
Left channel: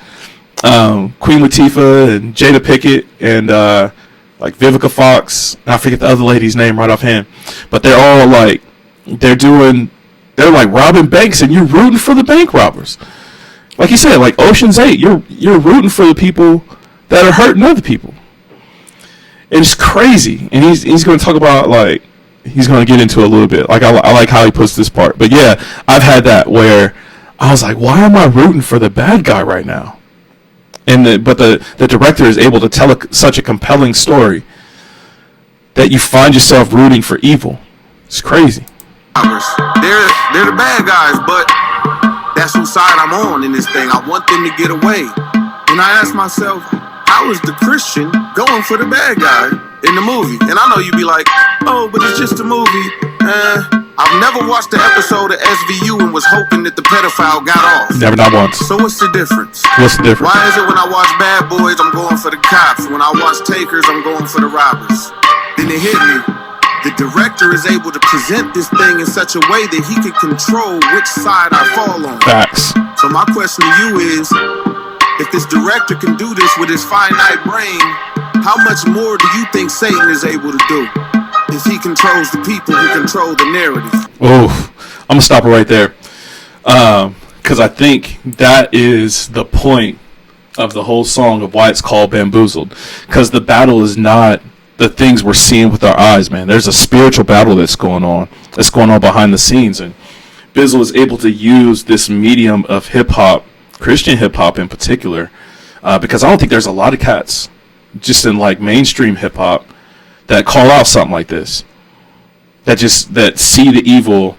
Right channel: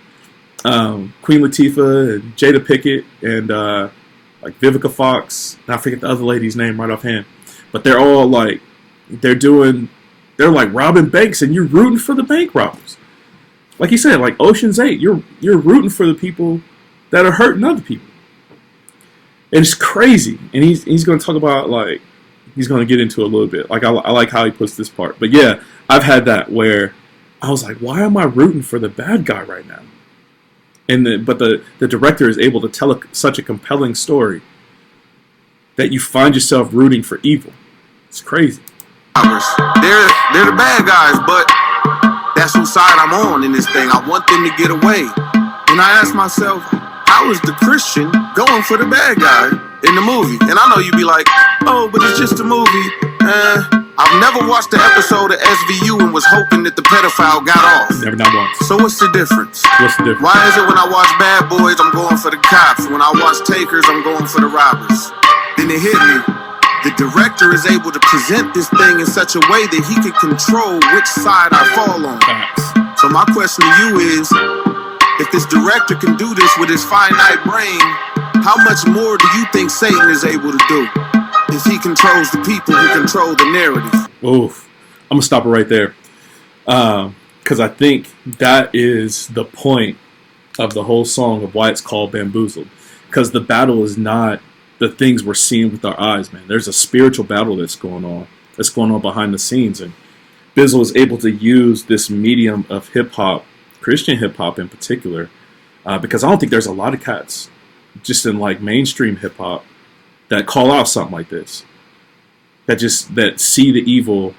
Queen Latifah and Jada Pinkett and like Vivica Fox. I forget the other lady's name right offhand. But they're all like they're like robbing banks and you're rooting for the bank robbers. Like you said, like Ocean's 8, you're rooting for the people that are hurting other people. And it's crazy. And he's gonna talk about like he's going to get into it a little bit. Like I like how he puts this part. But yeah, I've had that where I was like, why am I rooting for the bad guy right now? But the director is able to tell such a compelling story that you find yourself rooting for evil. It's crazy. They're the bad guys, but that's whose side I'm on in this thing. I want them to get away. And I ask myself, how is the Christian going for the bad guy in the movie? And I know you'd be like, oh, but it's just a movie. I've never watched the episode of SVU and was hoping that the pedophile got off. Never, not once. So what's the difference? What's the difference? Why is it when I watch Bad Boys, I'm going for the cops? When I watch Takers, I'm going for the robbers? Then it hit me. The director is able to present this thing in such a way that he can control which side I fall on. Facts. So my question to you is, if this director can do this with his finite brain, how much more do you think Satan is able to do? If he controls the people who control the narrative. Oh, I'm going to stop it right there. Because I think that is the point of the whole song of why it's called Bamboozled. Because the battle is not the things we're seeing with our eyes, man. There's a spiritual battle that's going on behind the scenes. And Bizzle is able to use this medium of hip-hop, Christian hip-hop in particular, because I don't think there's a lot of cats just in like mainstream hip-hop that call out something like this, that see the evil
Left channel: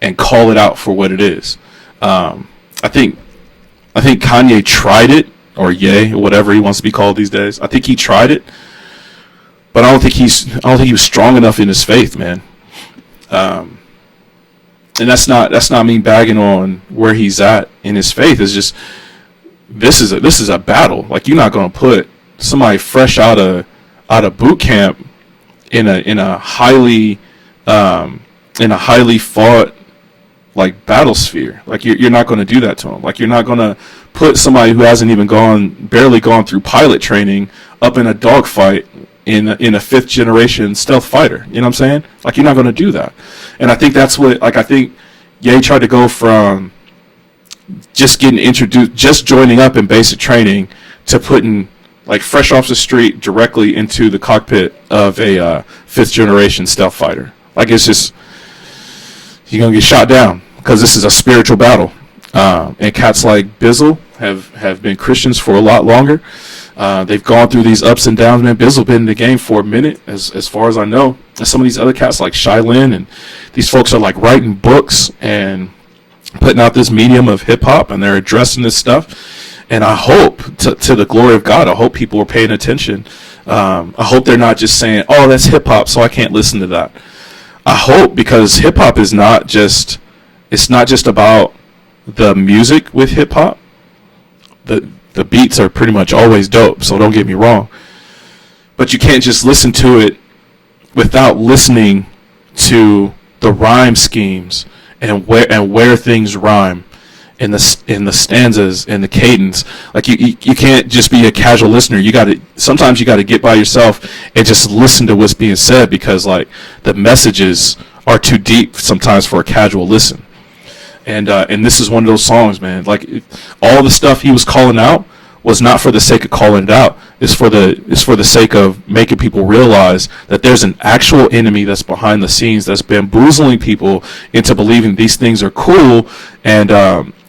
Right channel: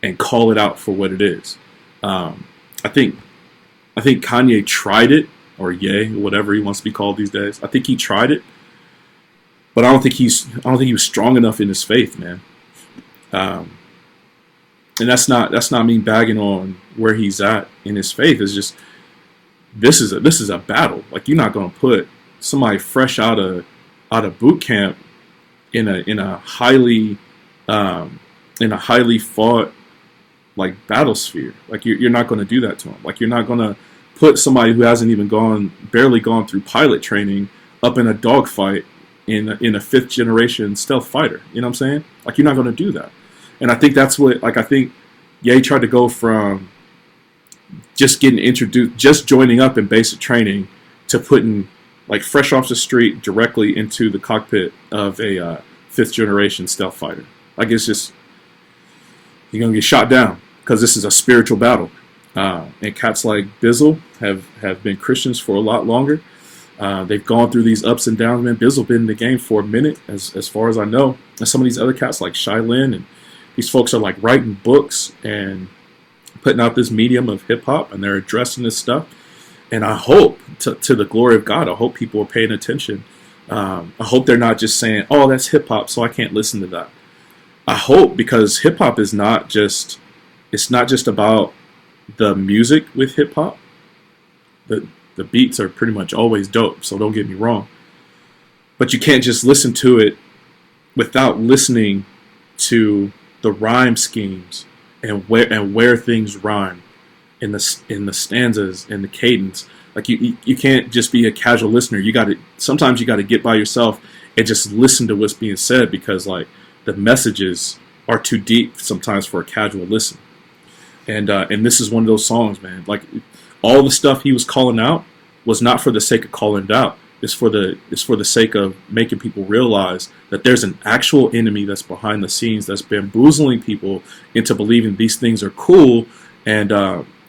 and call it out for what it is. I think Kanye tried it, or Ye, or whatever he wants to be called these days. I think he tried it, but I don't think he was strong enough in his faith, man. And that's not me bagging on where he's at in his faith. It's just this is a battle. Like, you're not gonna put somebody fresh out of boot camp in a highly fought like battle sphere. Like, you're not going to do that to them. Like, you're not going to put somebody who hasn't even barely gone through pilot training up in a dogfight in a 5th generation stealth fighter. You know what I'm saying? Like, you're not going to do that. And I think that's what, like, I think Ye tried to go from just getting introduced, just joining up in basic training, to putting like fresh off the street directly into the cockpit of a 5th generation stealth fighter. Like, it's just, you're going to get shot down because this is a spiritual battle. And cats like Bizzle have been Christians for a lot longer. They've gone through these ups and downs, man. Bizzle been in the game for a minute, as far as I know. And some of these other cats like Shylin, and these folks are like writing books and putting out this medium of hip hop, and they're addressing this stuff. And I hope, to the glory of God, I hope people are paying attention. I hope they're not just saying, oh, that's hip hop, so I can't listen to that. I hope, because hip hop is not just about the music with hip hop. The beats are pretty much always dope, so don't get me wrong. But you can't just listen to it without listening to the rhyme schemes and where things rhyme, in the stanzas and the cadence. Like you can't just be a casual listener. Sometimes you got to get by yourself and just listen to what's being said, because like the messages are too deep sometimes for a casual listen. And this is one of those songs, man. Like all the stuff he was calling out was not for the sake of calling it out. It's for the sake of making people realize that there's an actual enemy that's behind the scenes that's bamboozling people into believing these things are cool, and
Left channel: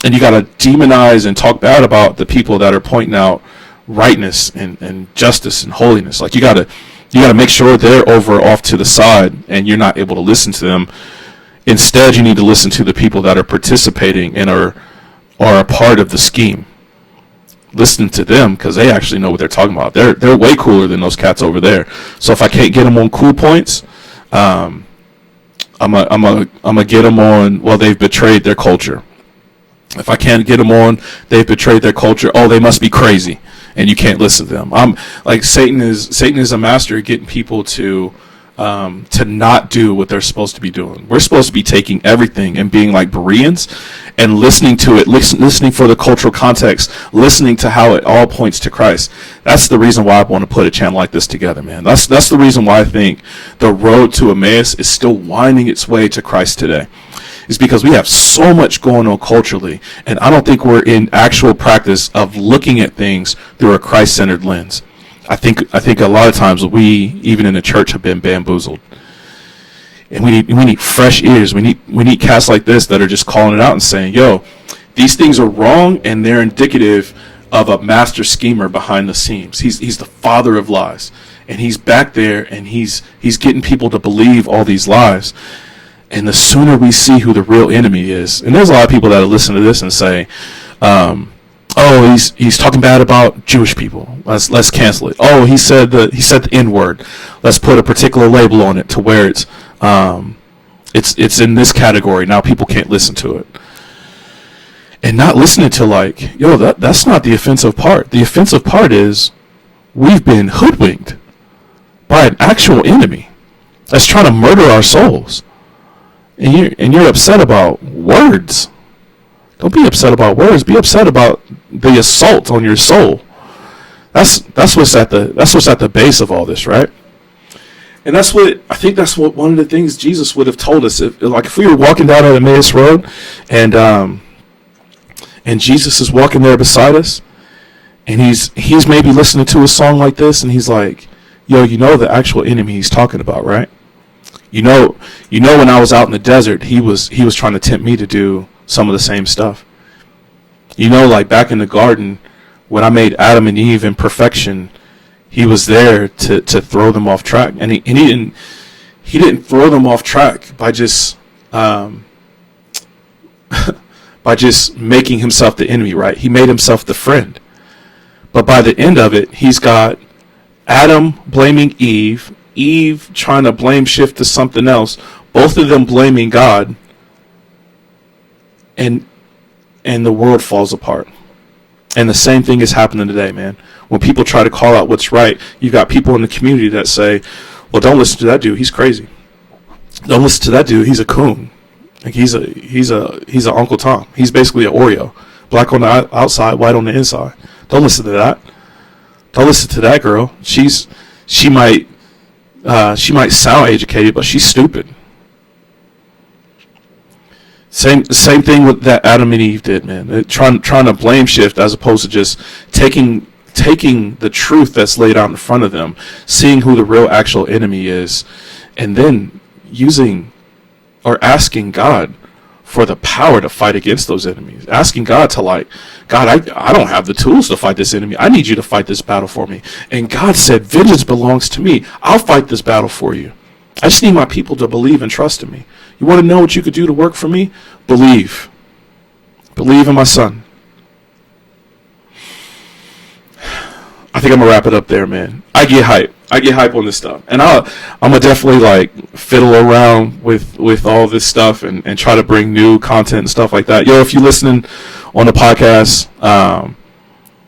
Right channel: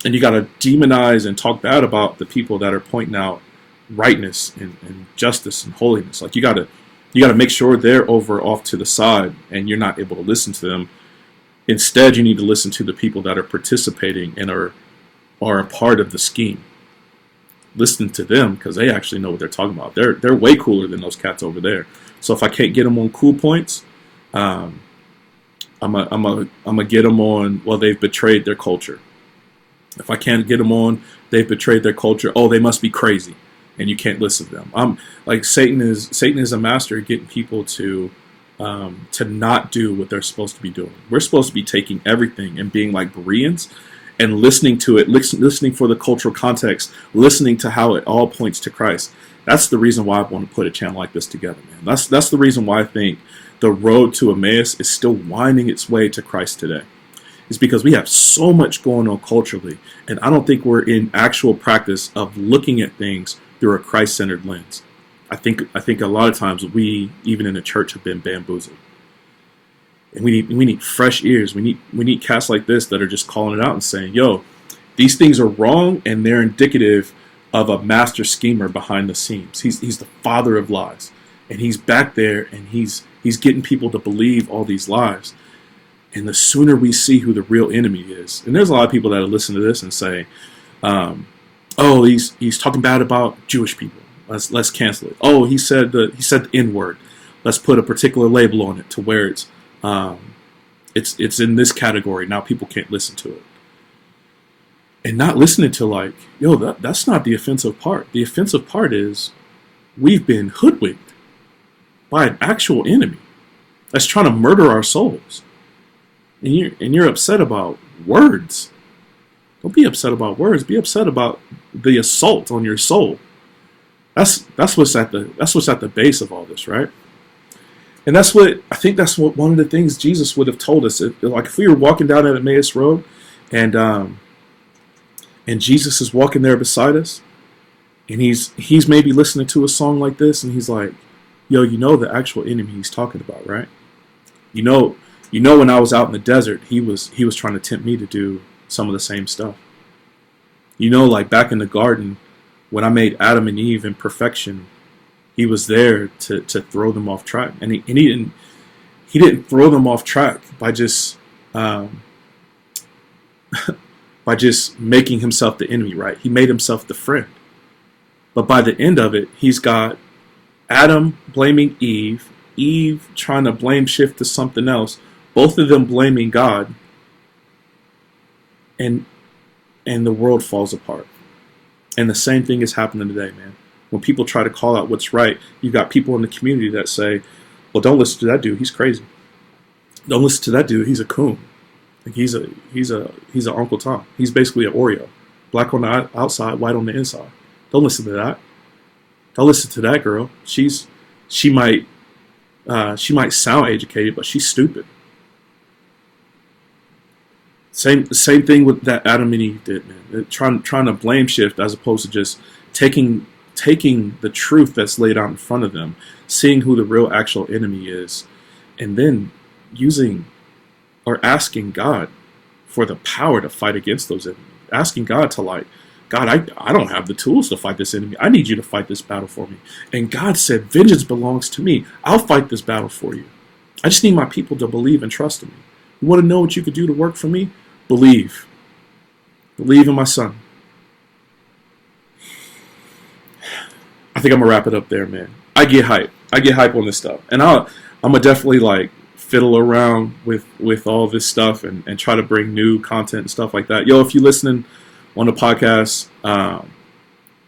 you got to demonize and talk bad about the people that are pointing out rightness and justice and holiness. Like you got to make sure they're off to the side and you're not able to listen to them. Instead, you need to listen to the people that are participating and are a part of the scheme. Listen to them, because they actually know what they're talking about. They're way cooler than those cats over there. So if I can't get them on cool points, I'm gonna get them on, well, they've betrayed their culture. If I can't get them on, they've betrayed their culture. Oh, they must be crazy, and you can't listen to them. I'm like Satan is a master at getting people to not do what they're supposed to be doing. We're supposed to be taking everything and being like Bereans and listening to it, listening for the cultural context, listening to how it all points to Christ. That's the reason why I want to put a channel like this together, man. That's the reason why I think the road to Emmaus is still winding its way to Christ today. Is because we have so much going on culturally, and I don't think we're in actual practice of looking at things through a Christ-centered lens. I think a lot of times we, even in the church, have been bamboozled. And we need fresh ears. We need cats like this that are just calling it out and saying, yo, these things are wrong, and they're indicative of a master schemer behind the scenes. He's the father of lies, and he's back there, and he's getting people to believe all these lies. And the sooner we see who the real enemy is, and there's a lot of people that listen to this and say, oh, he's talking bad about Jewish people. Let's cancel it. Oh, he said the N-word. Let's put a particular label on it to where it's in this category. Now people can't listen to it. And not listening to like, yo, that's not the offensive part. The offensive part is we've been hoodwinked by an actual enemy that's trying to murder our souls. And you're upset about words. Don't be upset about words. Be upset about the assault on your soul. That's what's at the base of all this, right? And that's what one of the things Jesus would have told us. If we were walking down at Emmaus Road, and Jesus is walking there beside us, and he's maybe listening to a song like this, and he's like, yo, you know the actual enemy he's talking about, right? You know when I was out in the desert, he was trying to tempt me to do some of the same stuff. You know, like back in the garden, when I made Adam and Eve in perfection, he was there to throw them off track, and he didn't throw them off track by just making himself the enemy, right? He made himself the friend. But by the end of it, he's got Adam blaming Eve trying to blame shift to something else, both of them blaming God, and the world falls apart. And the same thing is happening today, man. When people try to call out what's right, you've got people in the community that say, well, don't listen to that dude, he's crazy. Don't listen to that dude, he's a coon. Like he's a Uncle Tom. He's basically an Oreo. Black on the outside, white on the inside. Don't listen to that. Don't listen to that girl. She might sound educated, but she's stupid. Same thing with that Adam and Eve did, man. Trying to blame shift as opposed to just taking the truth that's laid out in front of them, seeing who the real actual enemy is, and then using or asking God for the power to fight against those enemies. Asking God to God, I don't have the tools to fight this enemy. I need you to fight this battle for me. And God said, vengeance belongs to me. I'll fight this battle for you. I just need my people to believe and trust in me. You want to know what you could do to work for me? Believe. Believe in my son. I think I'm going to wrap it up there, man. I get hype on this stuff. And I'm going to definitely fiddle around with all this stuff and try to bring new content and stuff like that. Yo, if you're listening on the podcast,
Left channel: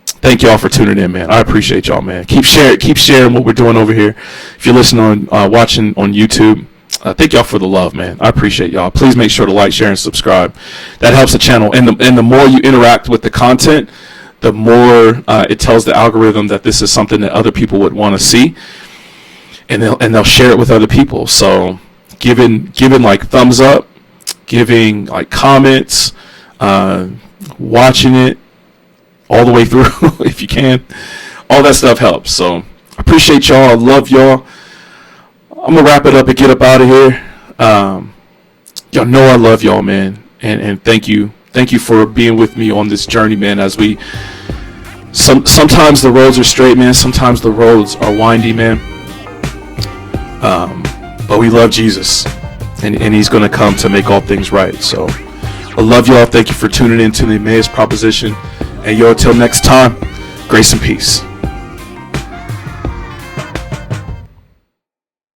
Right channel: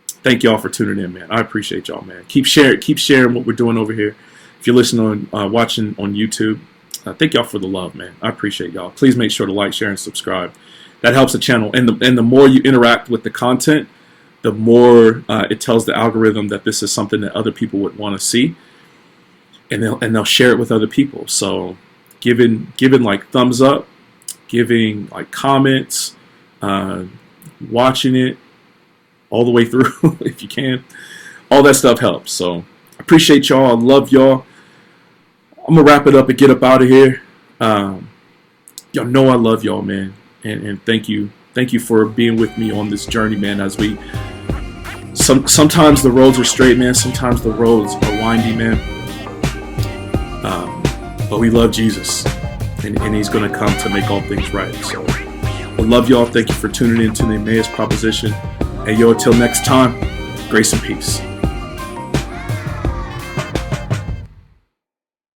thank y'all for tuning in, man. I appreciate y'all, man. Keep sharing what we're doing over here. If you're listening watching on YouTube, Thank y'all for the love, man. I appreciate y'all. Please make sure to like, share, and subscribe. That helps the channel. And the more you interact with the content, the more it tells the algorithm that this is something that other people would want to see, and they'll share it with other people. So giving like thumbs up, giving like comments, watching it all the way through if you can, all that stuff helps. So I appreciate y'all. I love y'all. I'm gonna wrap it up and get up out of here. Y'all know I love y'all, man, and thank you for being with me on this journey, man. As we sometimes the roads are straight, man. Sometimes the roads are windy, man. But we love Jesus, and He's gonna come to make all things right. So I love y'all. Thank you for tuning in to the Emmaus Proposition, and yo, until next time, grace and peace.